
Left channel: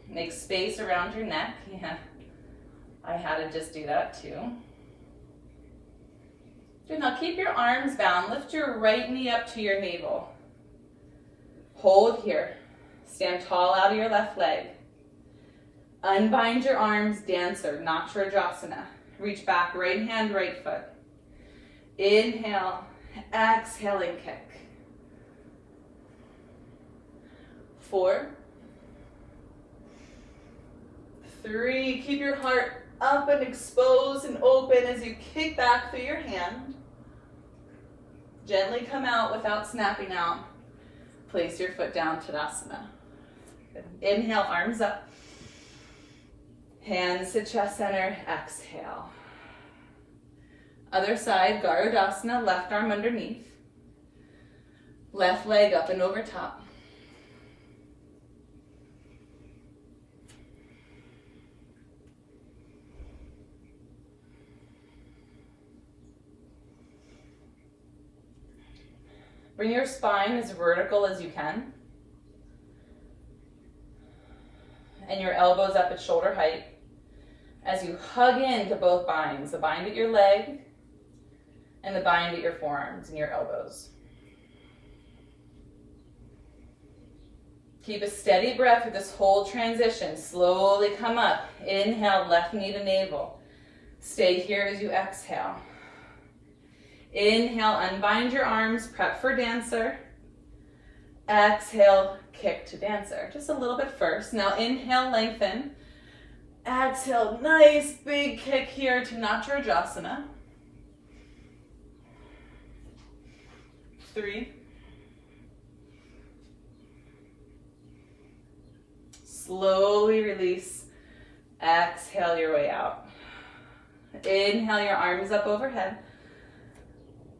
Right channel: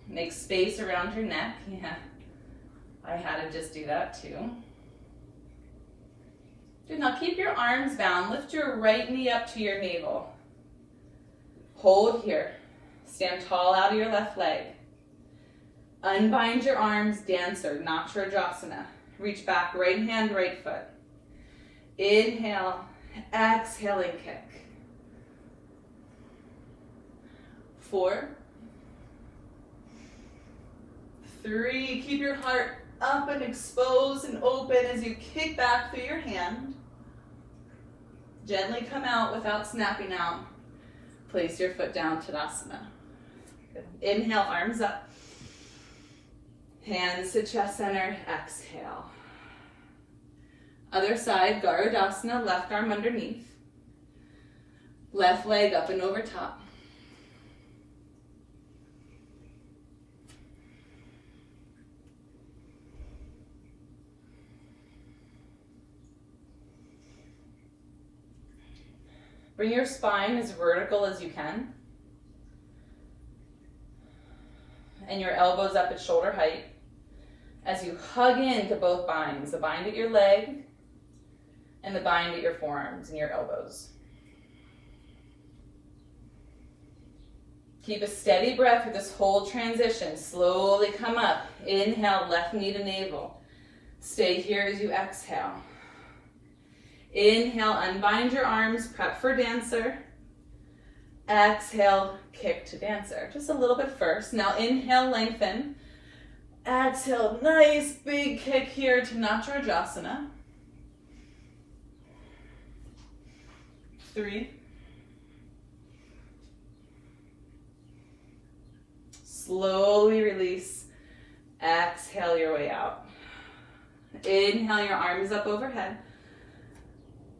Make space around your neck. Yeah, I had to just do that too. Good. Now keep your arms bound. Lift your right knee up to your navel. Hold here. Stand tall out of your left leg. Unbind your arms, dancer, Natrajasana. Reach back, right hand, right foot. Inhale, exhale and kick. 4, 3, keep your heart up and exposed and open as you kick back through your hand. Gently come out without snapping out. Place your foot down, Tadasana. Good. Inhale, arms up. Hands to chest center, exhale. Other side, Garudasana, left arm underneath. Left leg up and over top. Bring your spine as vertical as you can. And your elbows up at shoulder height as you hug into both binds, the bind at your leg and the bind at your forearms and your elbows. Keep a steady breath with this whole transition. Slowly come up. Inhale, left knee to navel. Stay here as you exhale. Inhale, unbind your arms, prep for dancer. Exhale, kick to dancer. Just a little bit first. Now inhale, lengthen. Exhale, nice big kick here to Natrajasana. 3. Slowly release. Exhale your way out. Inhale your arms up overhead.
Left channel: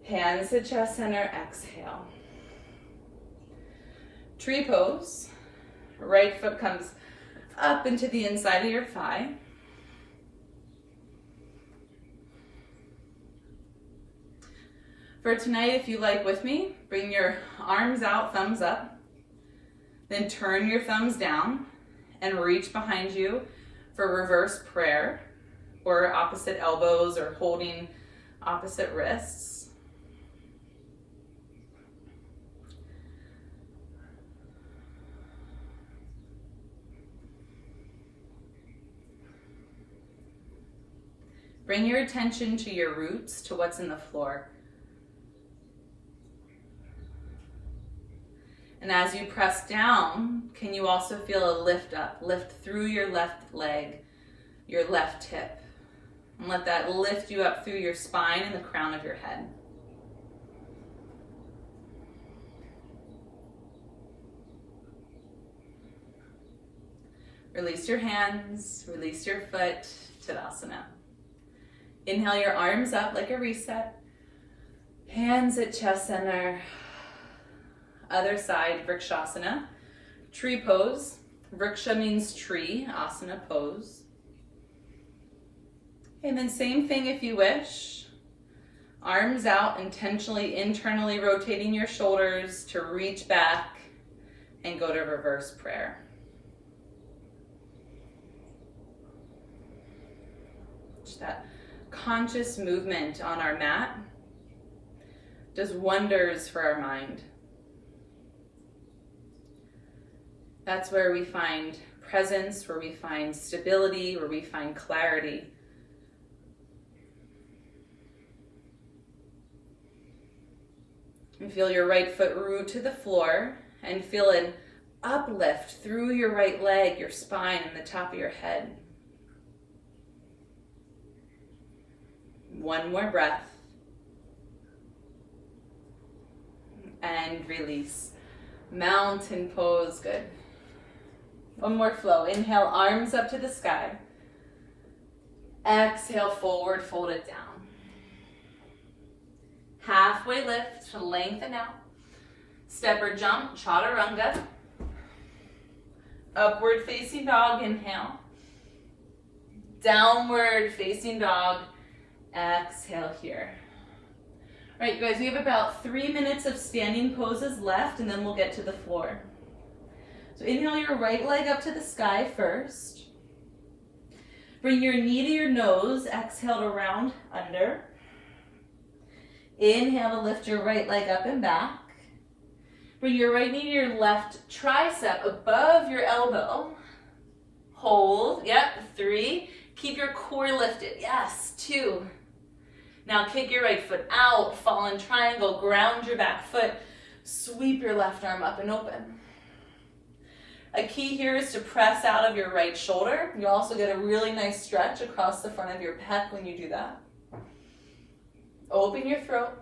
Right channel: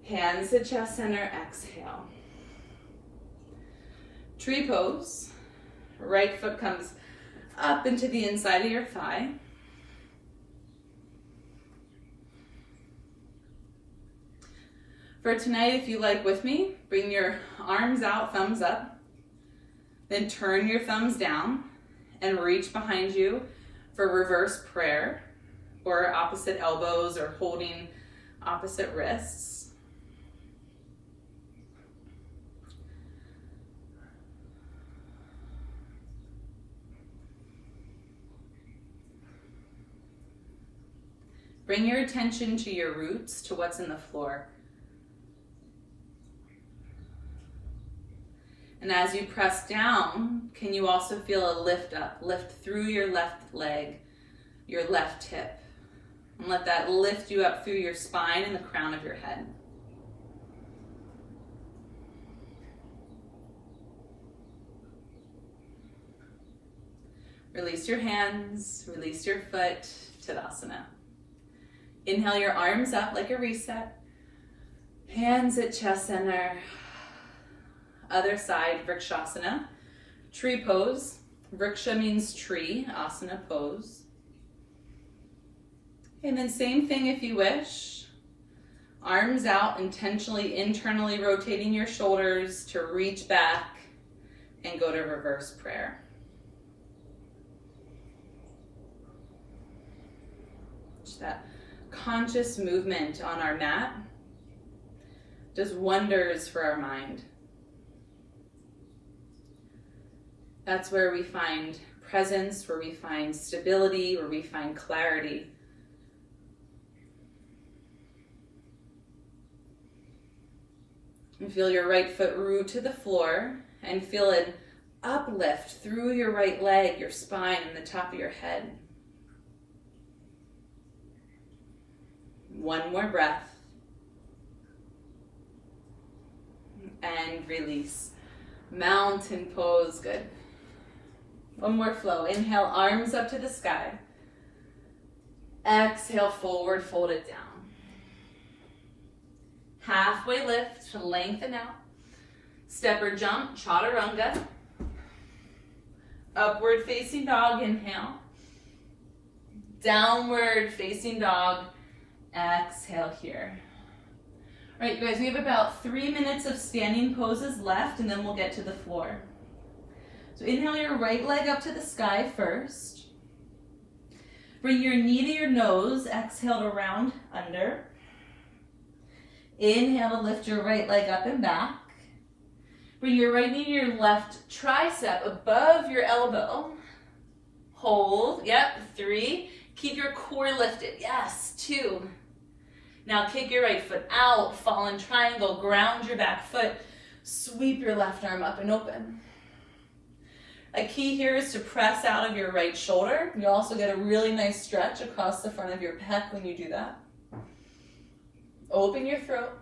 Hands to chest center, exhale. Tree pose. Right foot comes up into the inside of your thigh. For tonight, if you like with me, bring your arms out, thumbs up. Then turn your thumbs down and reach behind you for reverse prayer, or opposite elbows, or holding opposite wrists. Bring your attention to your roots, to what's in the floor. And as you press down, can you also feel a lift up? Lift through your left leg, your left hip. And let that lift you up through your spine and the crown of your head. Release your hands, release your foot, Tadasana. Inhale your arms up like a reset. Hands at chest center. Other side, Vrikshasana. Tree pose. Vriksha means tree, asana pose. And then same thing if you wish. Arms out, intentionally, internally rotating your shoulders to reach back and go to reverse prayer. Just that conscious movement on our mat does wonders for our mind. That's where we find presence, where we find stability, where we find clarity. And feel your right foot root to the floor, and feel an uplift through your right leg, your spine, and the top of your head. One more breath. And release. Mountain pose, good. One more flow. Inhale, arms up to the sky. Exhale, forward, fold it down. Halfway lift to lengthen out. Step or jump, chaturanga. Upward facing dog, inhale. Downward facing dog, exhale here. All right, you guys, we have about 3 minutes of standing poses left, and then we'll get to the floor. So inhale your right leg up to the sky first. Bring your knee to your nose, exhale to round under. Inhale to lift your right leg up and back. Bring your right knee to your left tricep above your elbow. Hold, yep, 3. Keep your core lifted, yes, 2. Now kick your right foot out, fallen triangle, ground your back foot, sweep your left arm up and open. A key here is to press out of your right shoulder. You also get a really nice stretch across the front of your pec when you do that. Open your throat.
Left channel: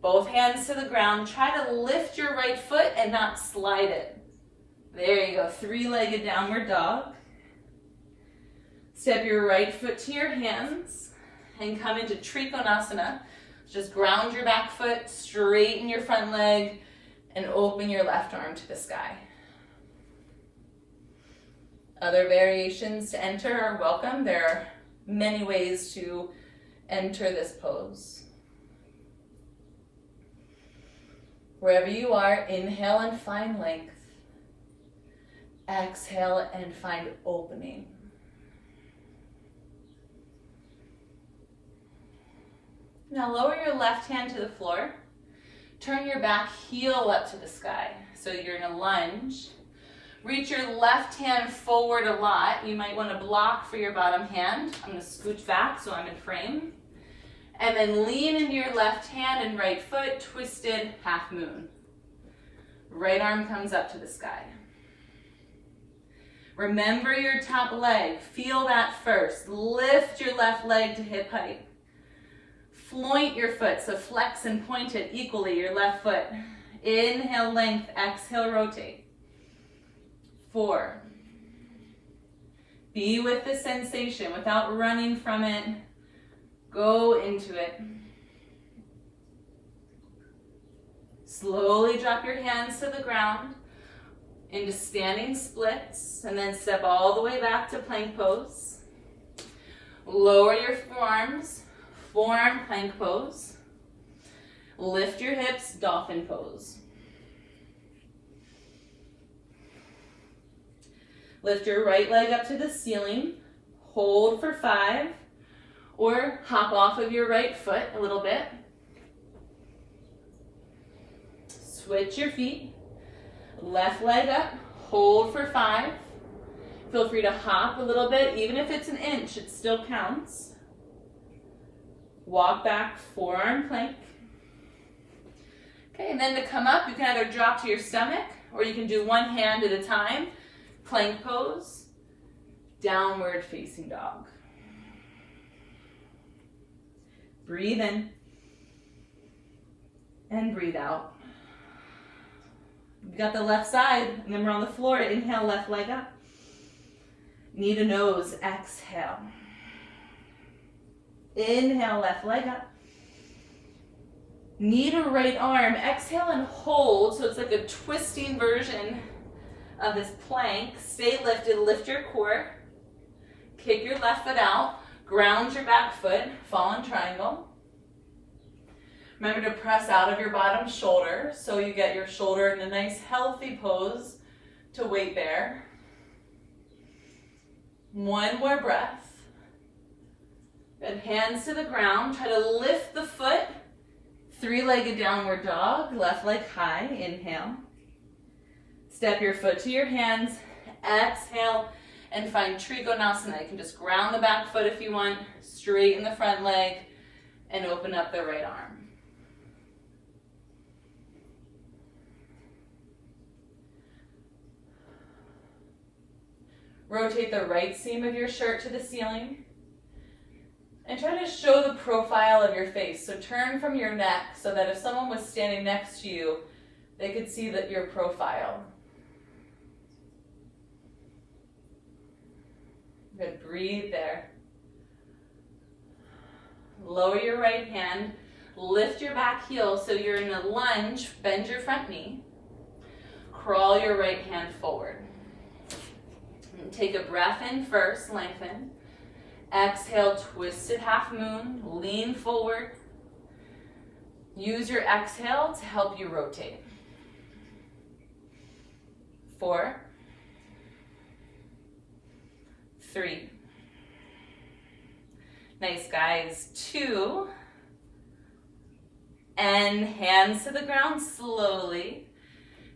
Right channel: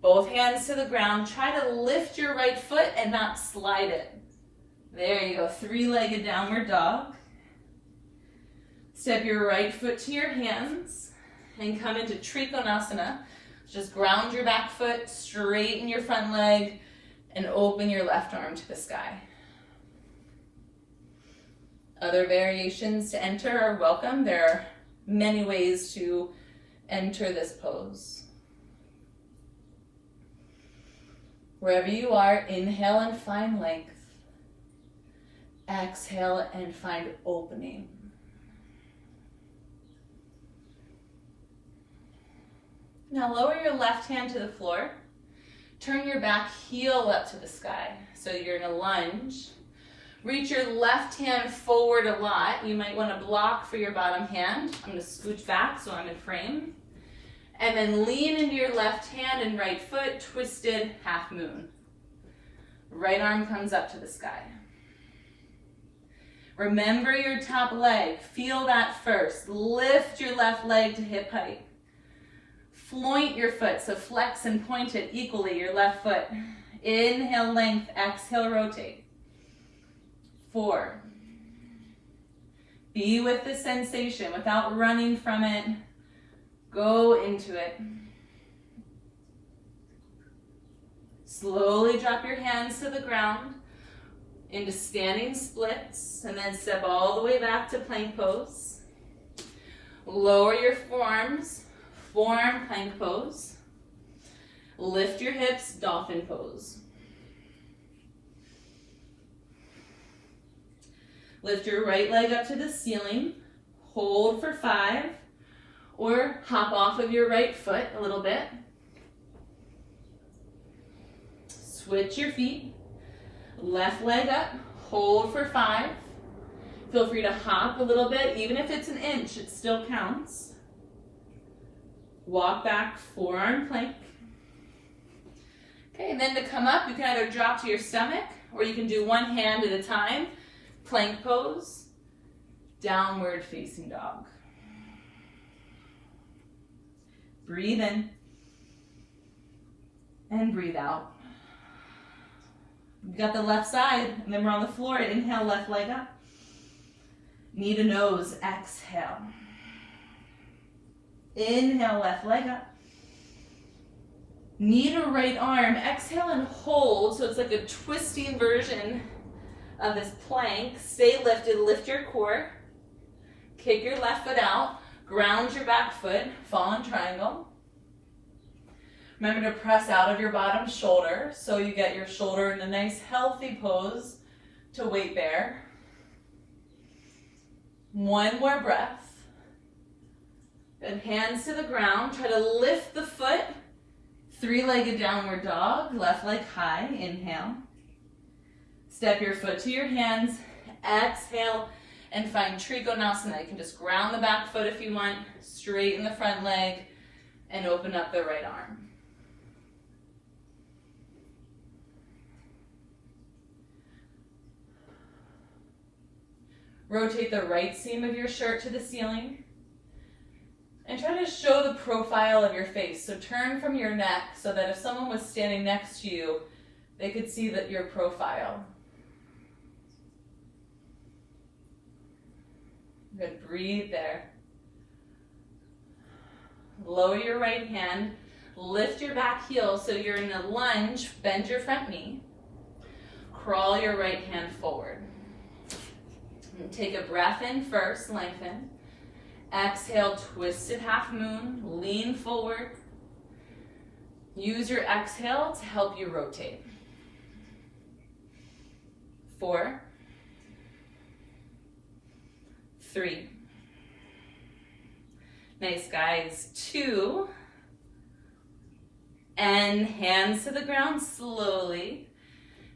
Both hands to the ground. Try to lift your right foot and not slide it. There you go, 3-legged downward dog. Step your right foot to your hands and come into Trikonasana. Just ground your back foot, straighten your front leg, and open your left arm to the sky. Other variations to enter are welcome. There are many ways to enter this pose. Wherever you are, inhale and find length. Exhale and find opening. Now lower your left hand to the floor. Turn your back heel up to the sky. So you're in a lunge. Reach your left hand forward a lot. You might want to block for your bottom hand. I'm going to scooch back so I'm in frame. And then lean into your left hand and right foot, twisted half moon. Right arm comes up to the sky. Remember your top leg. Feel that first. Lift your left leg to hip height. Point your foot, so flex and point it equally, your left foot. Inhale, length, exhale, rotate. 4. Be with the sensation without running from it. Go into it. Slowly drop your hands to the ground into standing splits, and then step all the way back to plank pose. Lower your forearms, form plank pose. Lift your hips, dolphin pose. Lift your right leg up to the ceiling, hold for 5, or hop off of your right foot a little bit. Switch your feet, left leg up, hold for 5. Feel free to hop a little bit, even if it's an inch, it still counts. Walk back, forearm plank. Okay, and then to come up, you can either drop to your stomach, or you can do one hand at a time. Plank pose, downward facing dog. Breathe in, and breathe out. You got the left side, and then we're on the floor. Inhale, left leg up. Knee to nose, exhale. Inhale, left leg up. Knee to right arm, exhale and hold, so it's like a twisting version of this plank. Stay lifted, lift your core. Kick your left foot out, ground your back foot, fallen triangle. Remember to press out of your bottom shoulder so you get your shoulder in a nice healthy pose to wait there. One more breath. Good, hands to the ground. Try to lift the foot. 3-legged downward dog, left leg high, inhale. Step your foot to your hands, exhale, and find Trikonasana. You can just ground the back foot if you want, straighten the front leg, and open up the right arm. Rotate the right seam of your shirt to the ceiling. And try to show the profile of your face. So turn from your neck so that if someone was standing next to you, they could see that your profile. Good, breathe there. Lower your right hand, lift your back heel so you're in a lunge, bend your front knee. Crawl your right hand forward. And take a breath in first, lengthen. Exhale, twisted half moon, lean forward. Use your exhale to help you rotate. 4, 3. Nice, guys. 2. And hands to the ground slowly.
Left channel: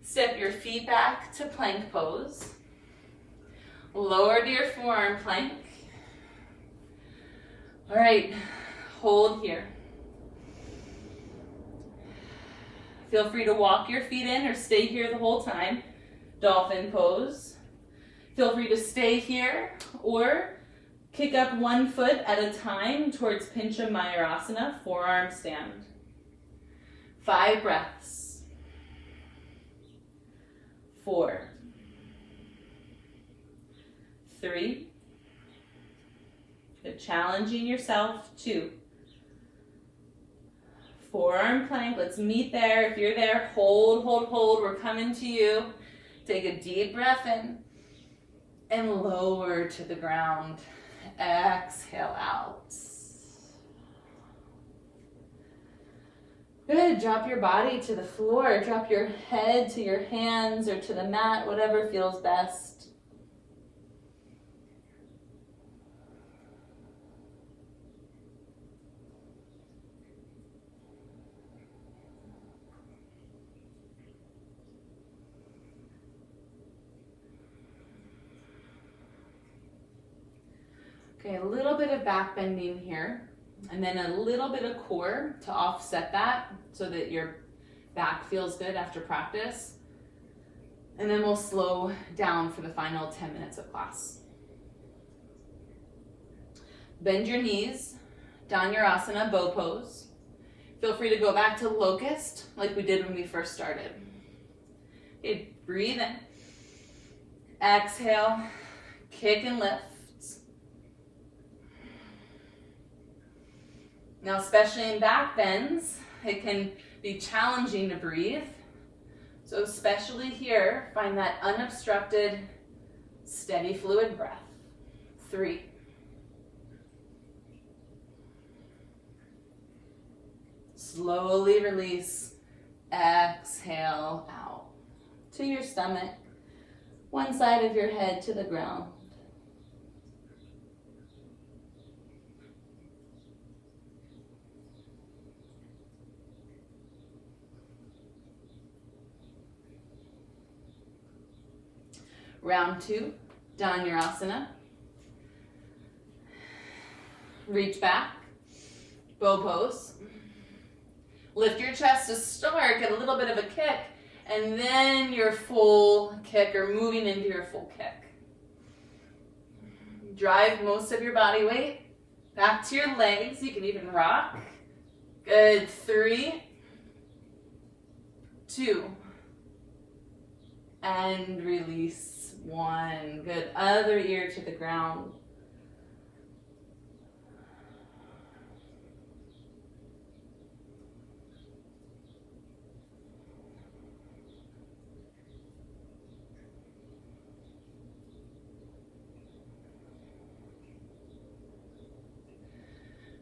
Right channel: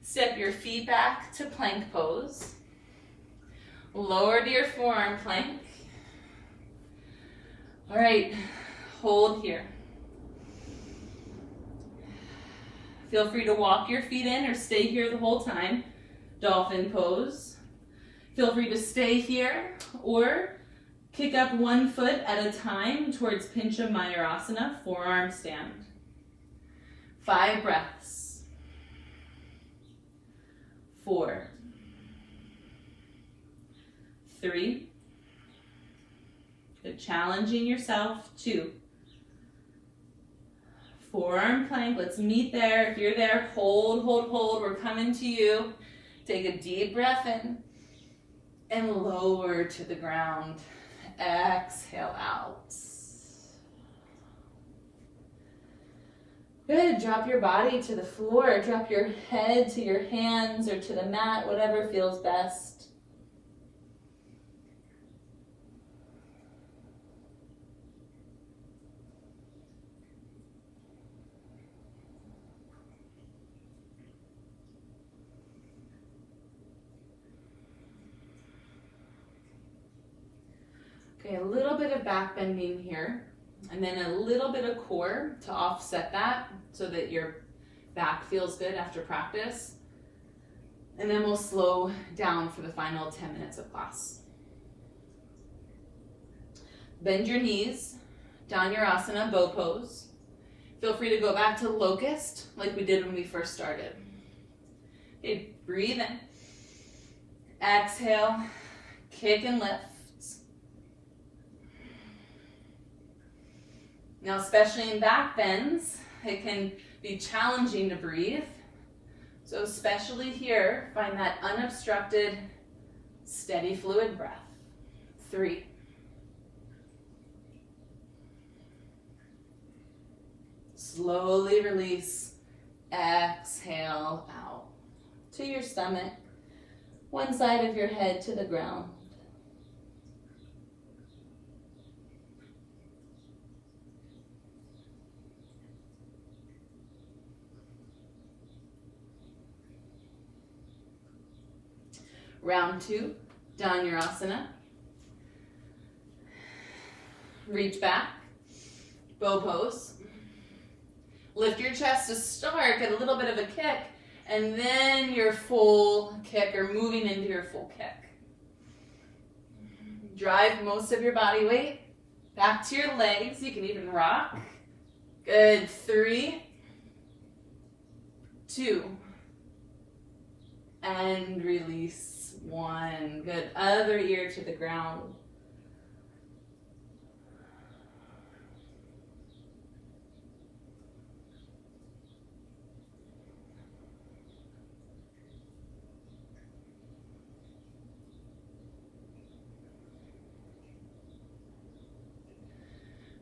Step your feet back to plank pose. Lower to your forearm plank. All right, hold here. Feel free to walk your feet in or stay here the whole time. Dolphin pose. Feel free to stay here or kick up one foot at a time towards Pincha Mayurasana, forearm stand. 5 breaths. 4, 3. Good, challenging yourself. 2. Forearm plank, let's meet there. If you're there, hold, hold, hold. We're coming to you. Take a deep breath in and lower to the ground. Exhale out. Good, drop your body to the floor. Drop your head to your hands or to the mat, whatever feels best. Okay, a little bit of back bending here, and then a little bit of core to offset that so that your back feels good after practice. And then we'll slow down for the final 10 minutes of class. Bend your knees, Dhanurasana, bow pose. Feel free to go back to locust like we did when we first started. Okay, breathe in. Exhale, kick and lift. Now, especially in back bends, it can be challenging to breathe. So especially here, find that unobstructed, steady fluid breath. 3. Slowly release. Exhale out to your stomach, one side of your head to the ground. Round 2, Dhanurasana. Reach back, bow pose. Lift your chest to start, get a little bit of a kick, and then your full kick, or moving into your full kick. Drive most of your body weight back to your legs. You can even rock. Good. 3, 2, and release. 1. Good. Other ear to the ground.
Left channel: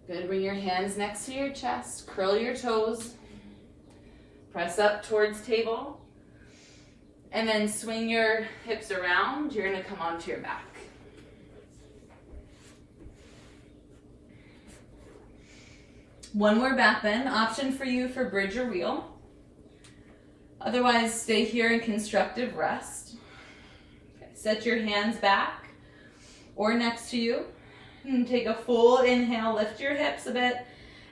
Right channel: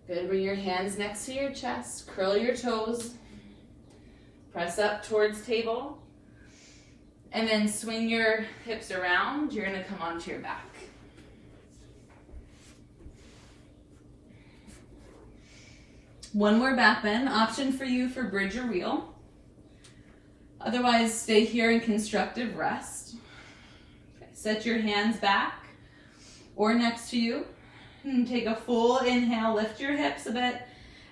Good. Bring your hands next to your chest. Curl your toes. Press up towards table. And then swing your hips around. You're going to come onto your back. One more back bend. Option for you for bridge or wheel. Otherwise, stay here in constructive rest. Okay. Set your hands back or next to you. And take a full inhale. Lift your hips a bit.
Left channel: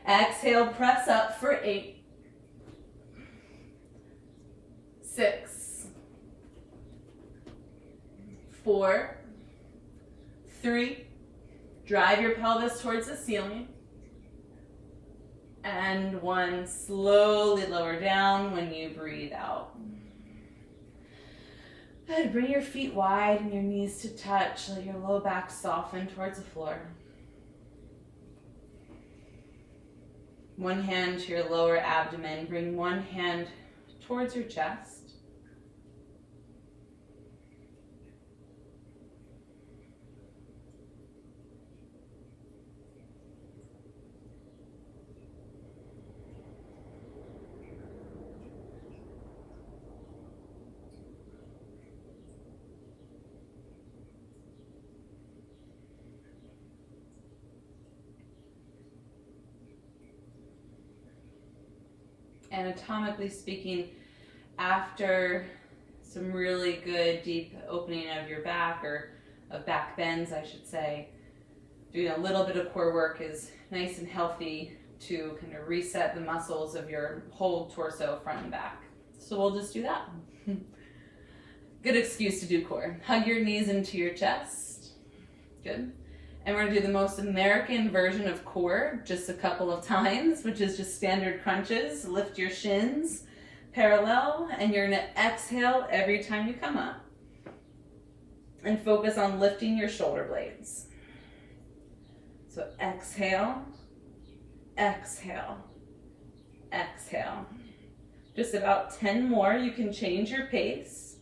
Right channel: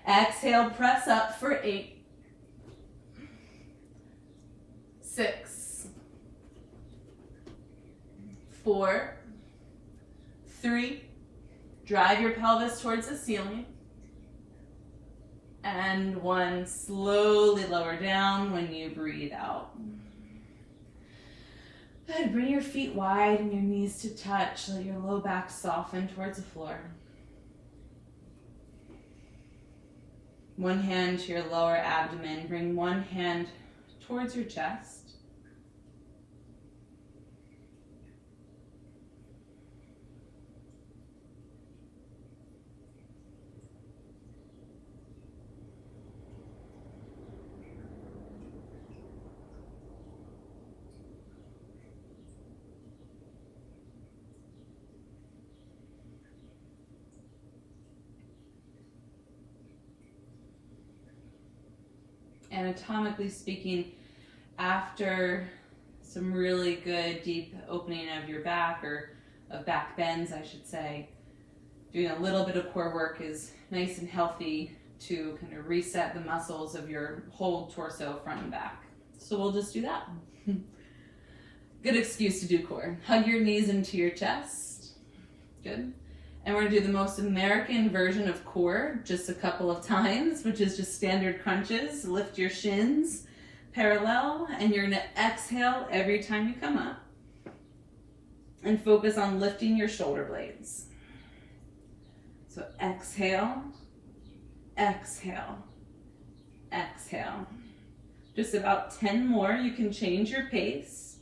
Exhale. Press up for 8, 6, 4, 3, drive your pelvis towards the ceiling, and 1, slowly lower down when you breathe out. Good, bring your feet wide and your knees to touch, let your low back soften towards the floor. One hand to your lower abdomen, bring one hand towards your chest. Anatomically speaking, after some really good deep opening of your back, or of back bends, I should say, doing a little bit of core work is nice and healthy to kind of reset the muscles of your whole torso, front and back. So we'll just do that. Good excuse to do core. Hug your knees into your chest. Good. And we're gonna do the most American version of core just a couple of times, which is just standard crunches. Lift your shins parallel, and you're gonna exhale every time you come up. And focus on lifting your shoulder blades. So exhale, exhale, exhale. Just about 10 more. You can change your pace,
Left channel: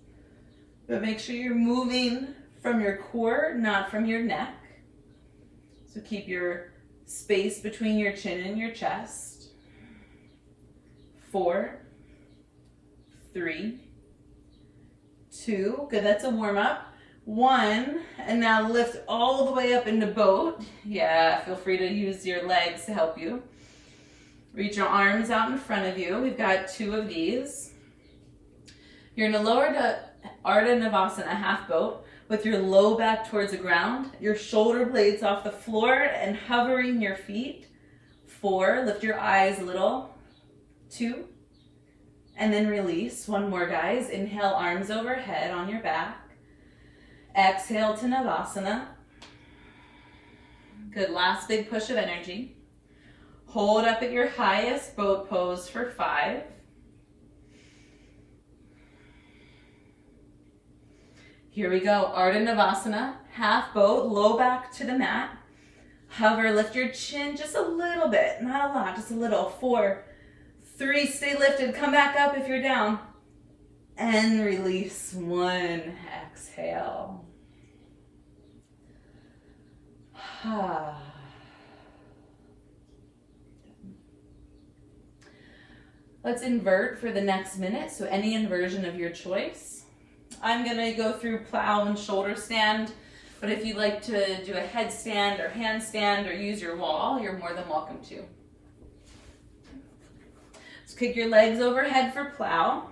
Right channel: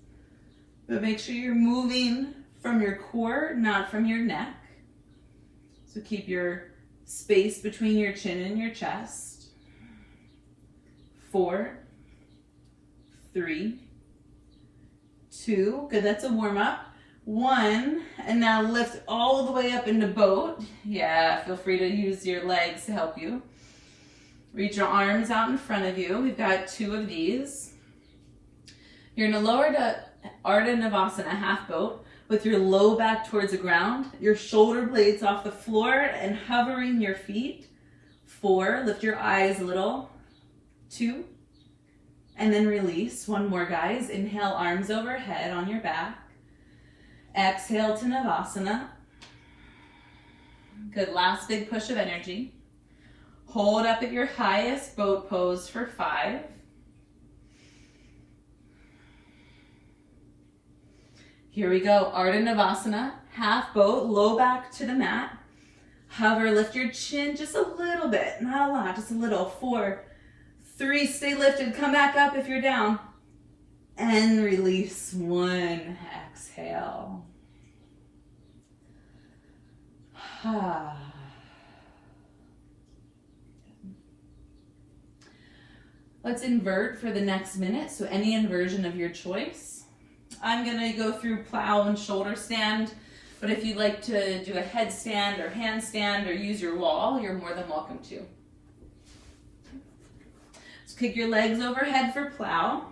but make sure you're moving from your core, not from your neck. So keep your space between your chin and your chest. 4, 3, 2, good, that's a warm up. 1, and now lift all the way up into boat. Yeah, feel free to use your legs to help you. Reach your arms out in front of you. We've got 2 of these. You're in a lower to Ardha Navasana, half boat, with your low back towards the ground, your shoulder blades off the floor, and hovering your feet. 4, lift your eyes a little. 2, and then release. 1 more, guys. Inhale, arms overhead on your back. Exhale to Navasana. Good, last big push of energy. Hold up at your highest boat pose for 5. Here we go, Ardha Navasana, half boat, low back to the mat. Hover, lift your chin just a little bit, not a lot, just a little. 4, 3, stay lifted, come back up if you're down. And release. 1, exhale. Let's invert for the next minute, so any inversion of your choice. I'm gonna go through plow and shoulder stand, but if you'd like to do a headstand or handstand or use your wall, you're more than welcome to. So kick your legs overhead for plow.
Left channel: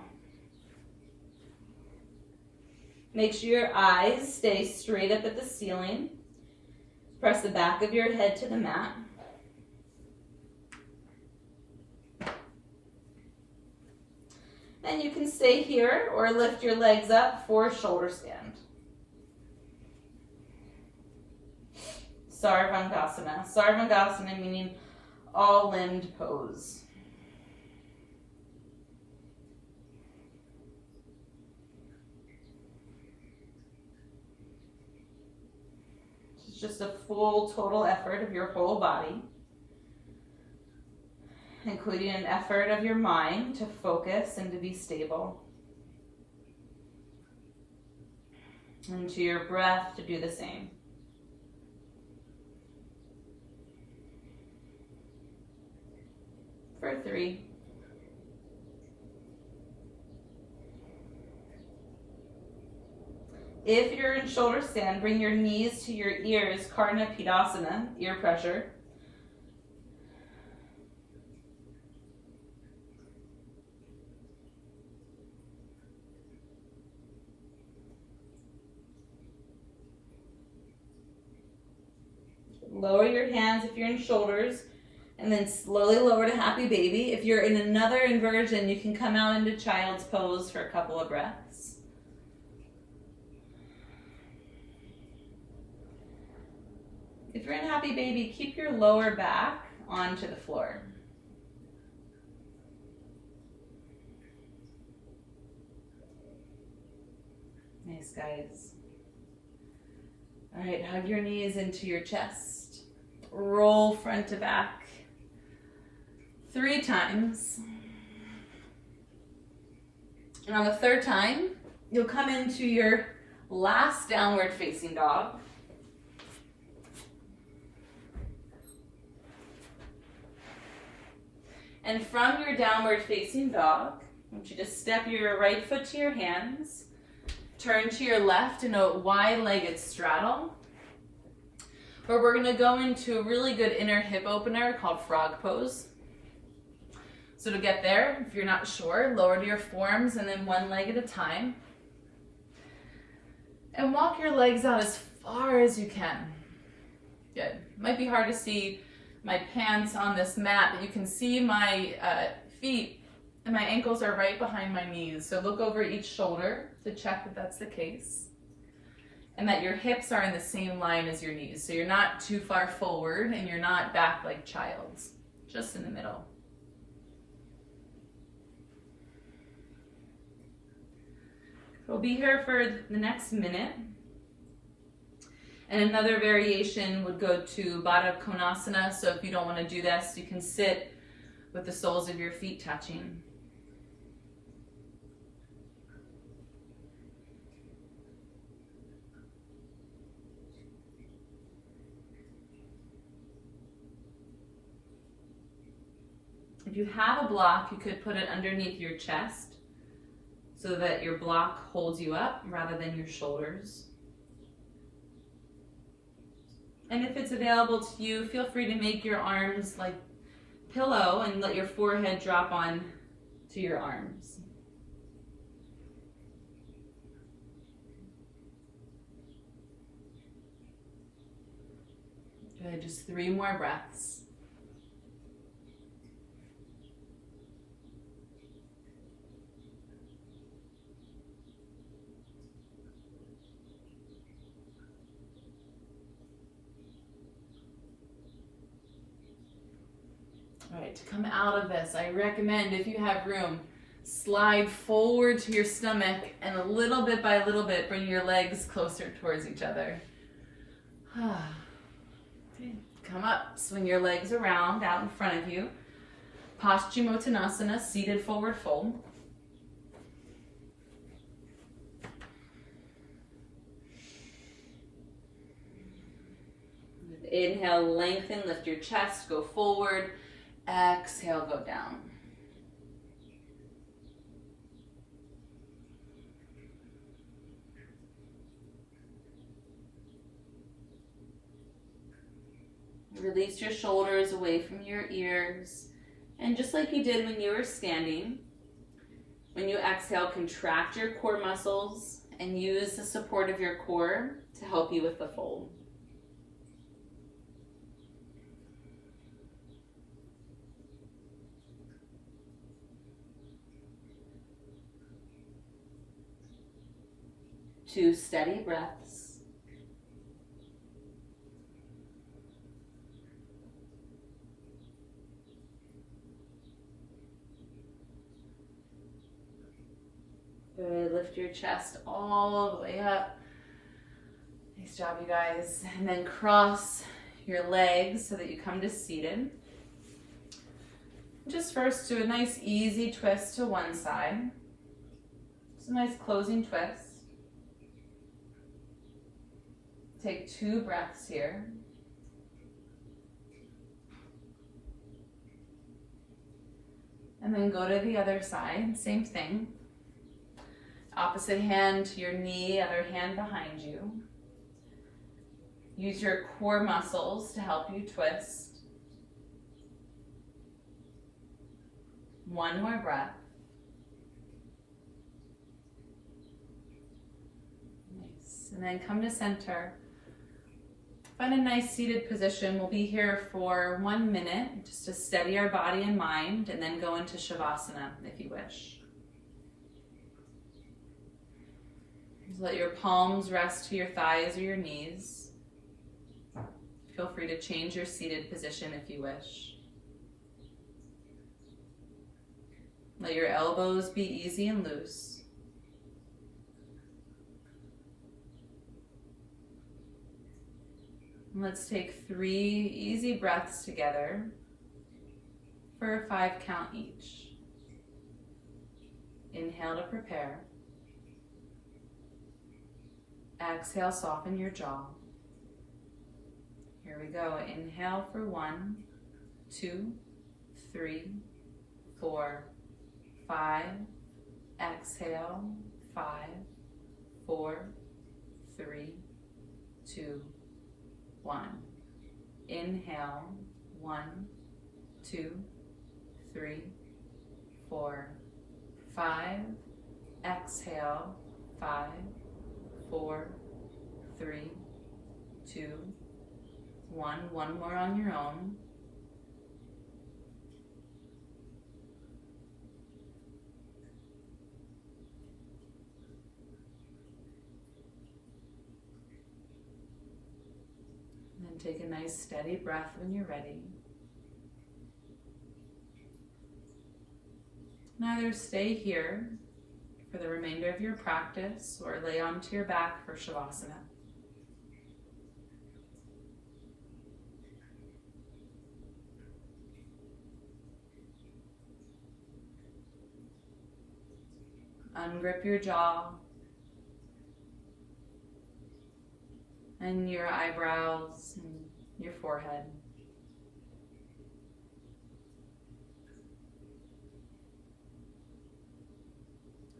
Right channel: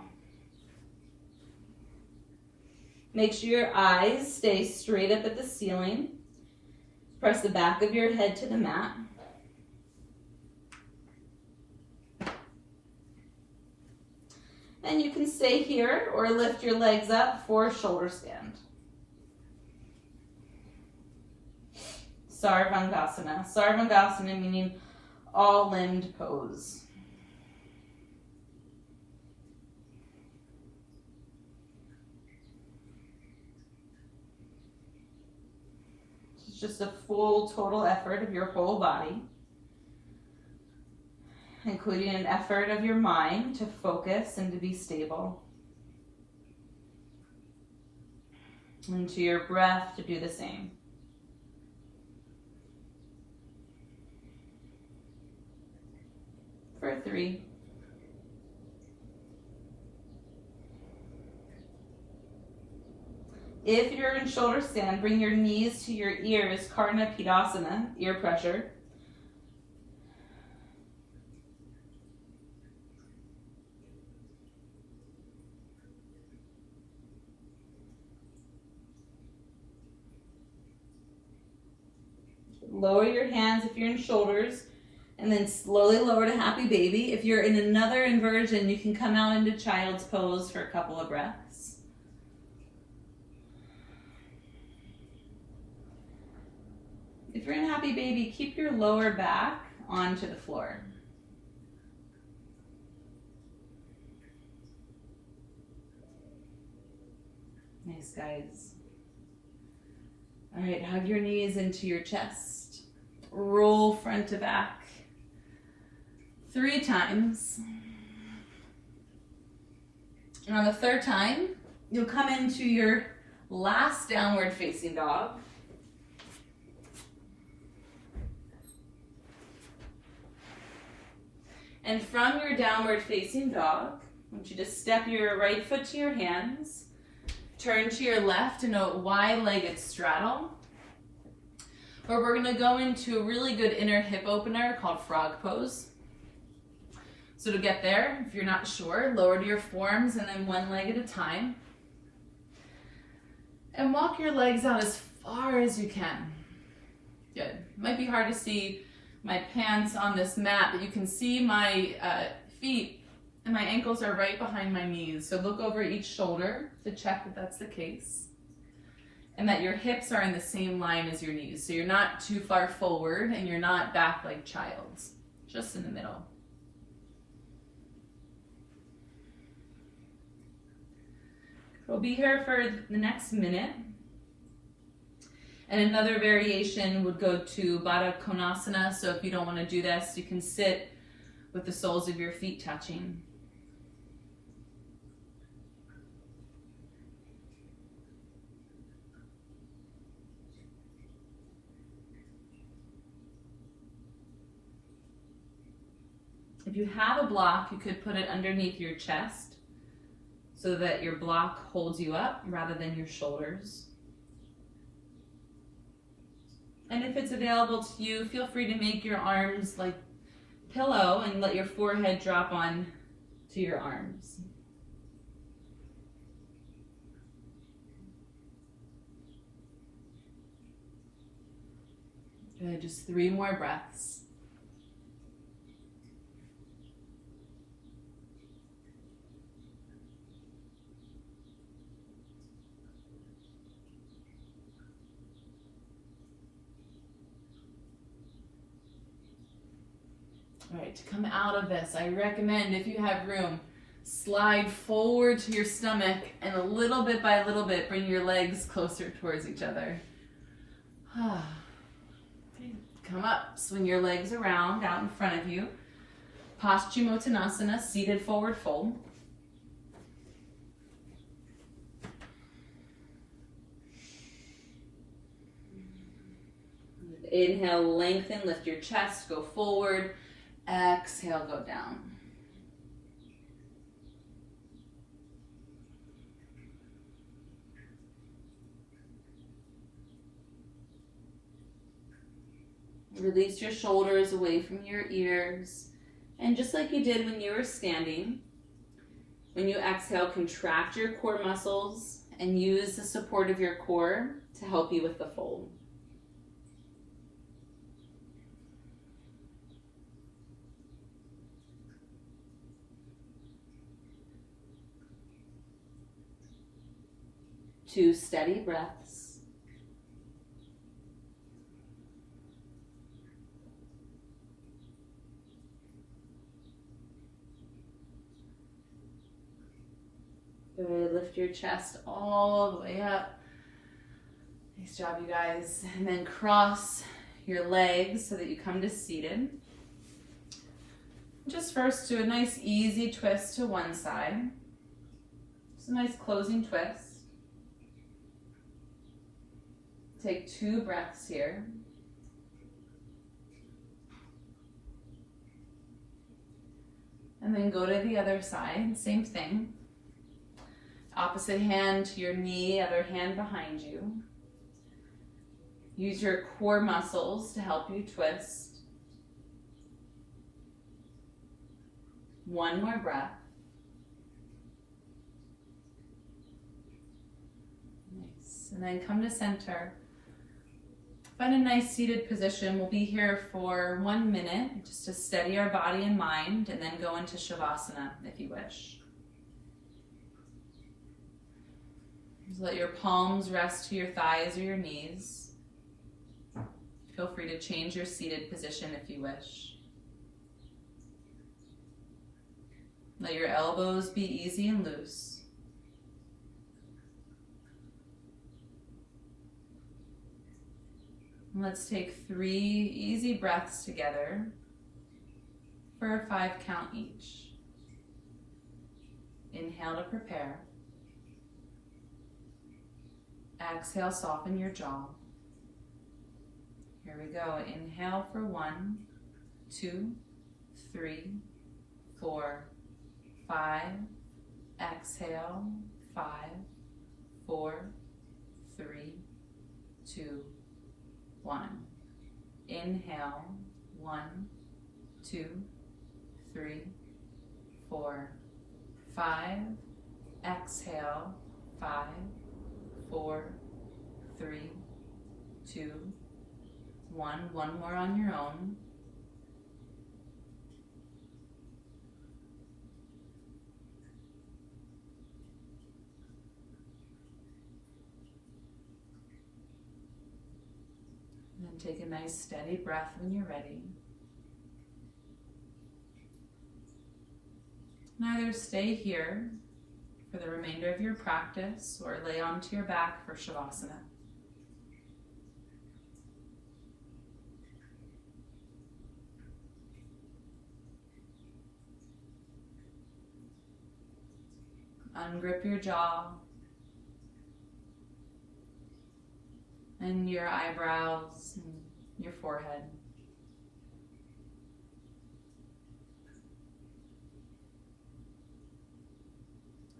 Make sure your eyes stay straight up at the ceiling. Press the back of your head to the mat. And you can stay here or lift your legs up for shoulder stand. Sarvangasana. Sarvangasana meaning all-limbed pose. It's just a full total effort of your whole body, including an effort of your mind to focus and to be stable. And to your breath to do the same. For 3. If you're in shoulder stand, bring your knees to your ears, Karna Pidasana, ear pressure. Lower your hands if you're in shoulders, and then slowly lower to happy baby. If you're in another inversion, you can come out into child's pose for a couple of breaths. If you're in happy baby, keep your lower back onto the floor. Nice, guys. All right, hug your knees into your chest. Roll front to back 3 times. And on the 3rd time, you'll come into your last downward facing dog. And from your downward facing dog, I want you to step your right foot to your hands, turn to your left in a wide-legged straddle, where we're gonna go into a really good inner hip opener called frog pose. So to get there, if you're not sure, lower to your forearms and then 1 leg at a time. And walk your legs out as far as you can. Good. Might be hard to see my pants on this mat, but you can see my feet and my ankles are right behind my knees. So look over each shoulder to check that that's the case. And that your hips are in the same line as your knees. So you're not too far forward and you're not back like child's, just in the middle. We'll be here for the next minute. And another variation would go to Baddha Konasana. So if you don't want to do this, you can sit with the soles of your feet touching. If you have a block, you could put it underneath your chest so that your block holds you up rather than your shoulders. And if it's available to you, feel free to make your arms like pillow and let your forehead drop on to your arms. Good, just 3 more breaths. right, to come out of this, I recommend, if you have room, slide forward to your stomach and a little bit by little bit, bring your legs closer towards each other. Okay. Come up, swing your legs around out in front of you. Paschimottanasana, seated forward fold. Inhale, lengthen, lift your chest, go forward. Exhale, go down. Release your shoulders away from your ears. And just like you did when you were standing, when you exhale, contract your core muscles and use the support of your core to help you with the fold. Two steady breaths. Good. Lift your chest all the way up. Nice job, you guys. And then cross your legs so that you come to seated. Just first do a nice easy twist to one side. Just a nice closing twist. Take 2 breaths here. And then go to the other side, same thing. Opposite hand to your knee, other hand behind you. Use your core muscles to help you twist. One more breath. Nice. And then come to center. Find a nice seated position. We'll be here for 1 minute just to steady our body and mind, and then go into Savasana if you wish. Just let your palms rest to your thighs or your knees. Feel free to change your seated position if you wish. Let your elbows be easy and loose. And let's take 3 easy breaths together for a 5 count each. Inhale to prepare. Exhale, soften your jaw. Here we go. Inhale for 1, 2, 3, 4, 5. Exhale, 5, 4, 3, 2, 1. Inhale, 1, 2, 3, 4, 5. Exhale, 5, 4, 3, 2, 1. One more on your own. And then take a nice steady breath when you're ready. And either stay here for the remainder of your practice or lay onto your back for Savasana. Ungrip your jaw and your eyebrows and your forehead.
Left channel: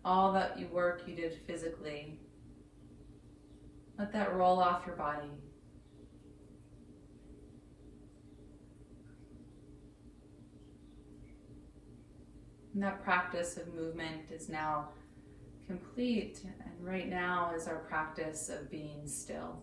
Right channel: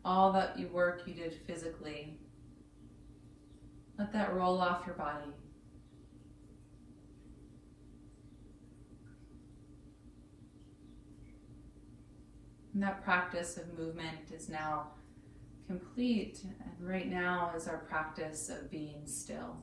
All that work you did physically, let that roll off your body. And that practice of movement is now complete, and right now is our practice of being still.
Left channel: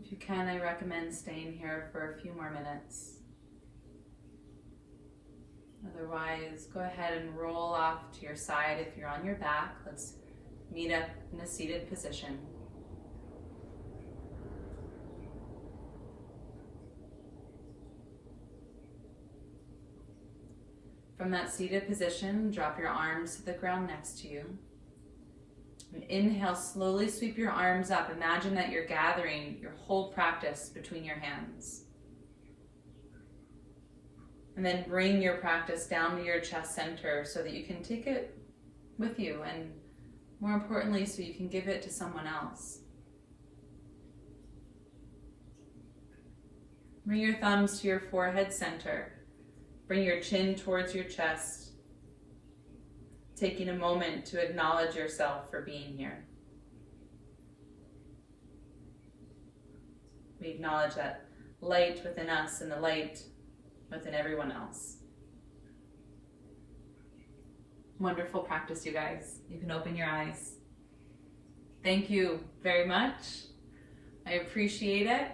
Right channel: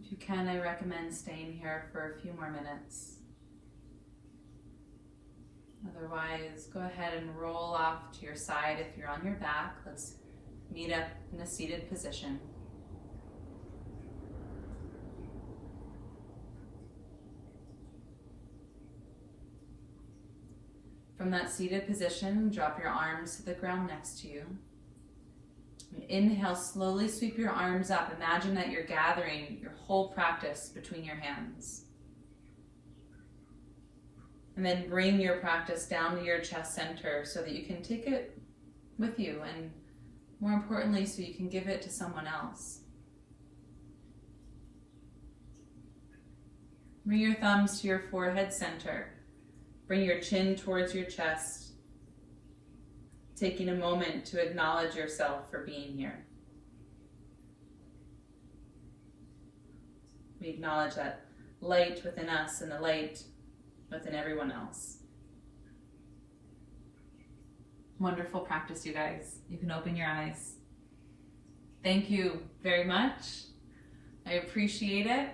If you can, I recommend staying here for a few more minutes. Otherwise, go ahead and roll off to your side if you're on your back. Let's meet up in a seated position. From that seated position, drop your arms to the ground next to you. Inhale, slowly sweep your arms up. Imagine that you're gathering your whole practice between your hands. And then bring your practice down to your chest center so that you can take it with you, and more importantly, so you can give it to someone else. Bring your thumbs to your forehead center. Bring your chin towards your chest, taking a moment to acknowledge yourself for being here. We acknowledge that light within us and the light within everyone else. Wonderful practice, you guys. You can open your eyes. Thank you very much. I appreciate it.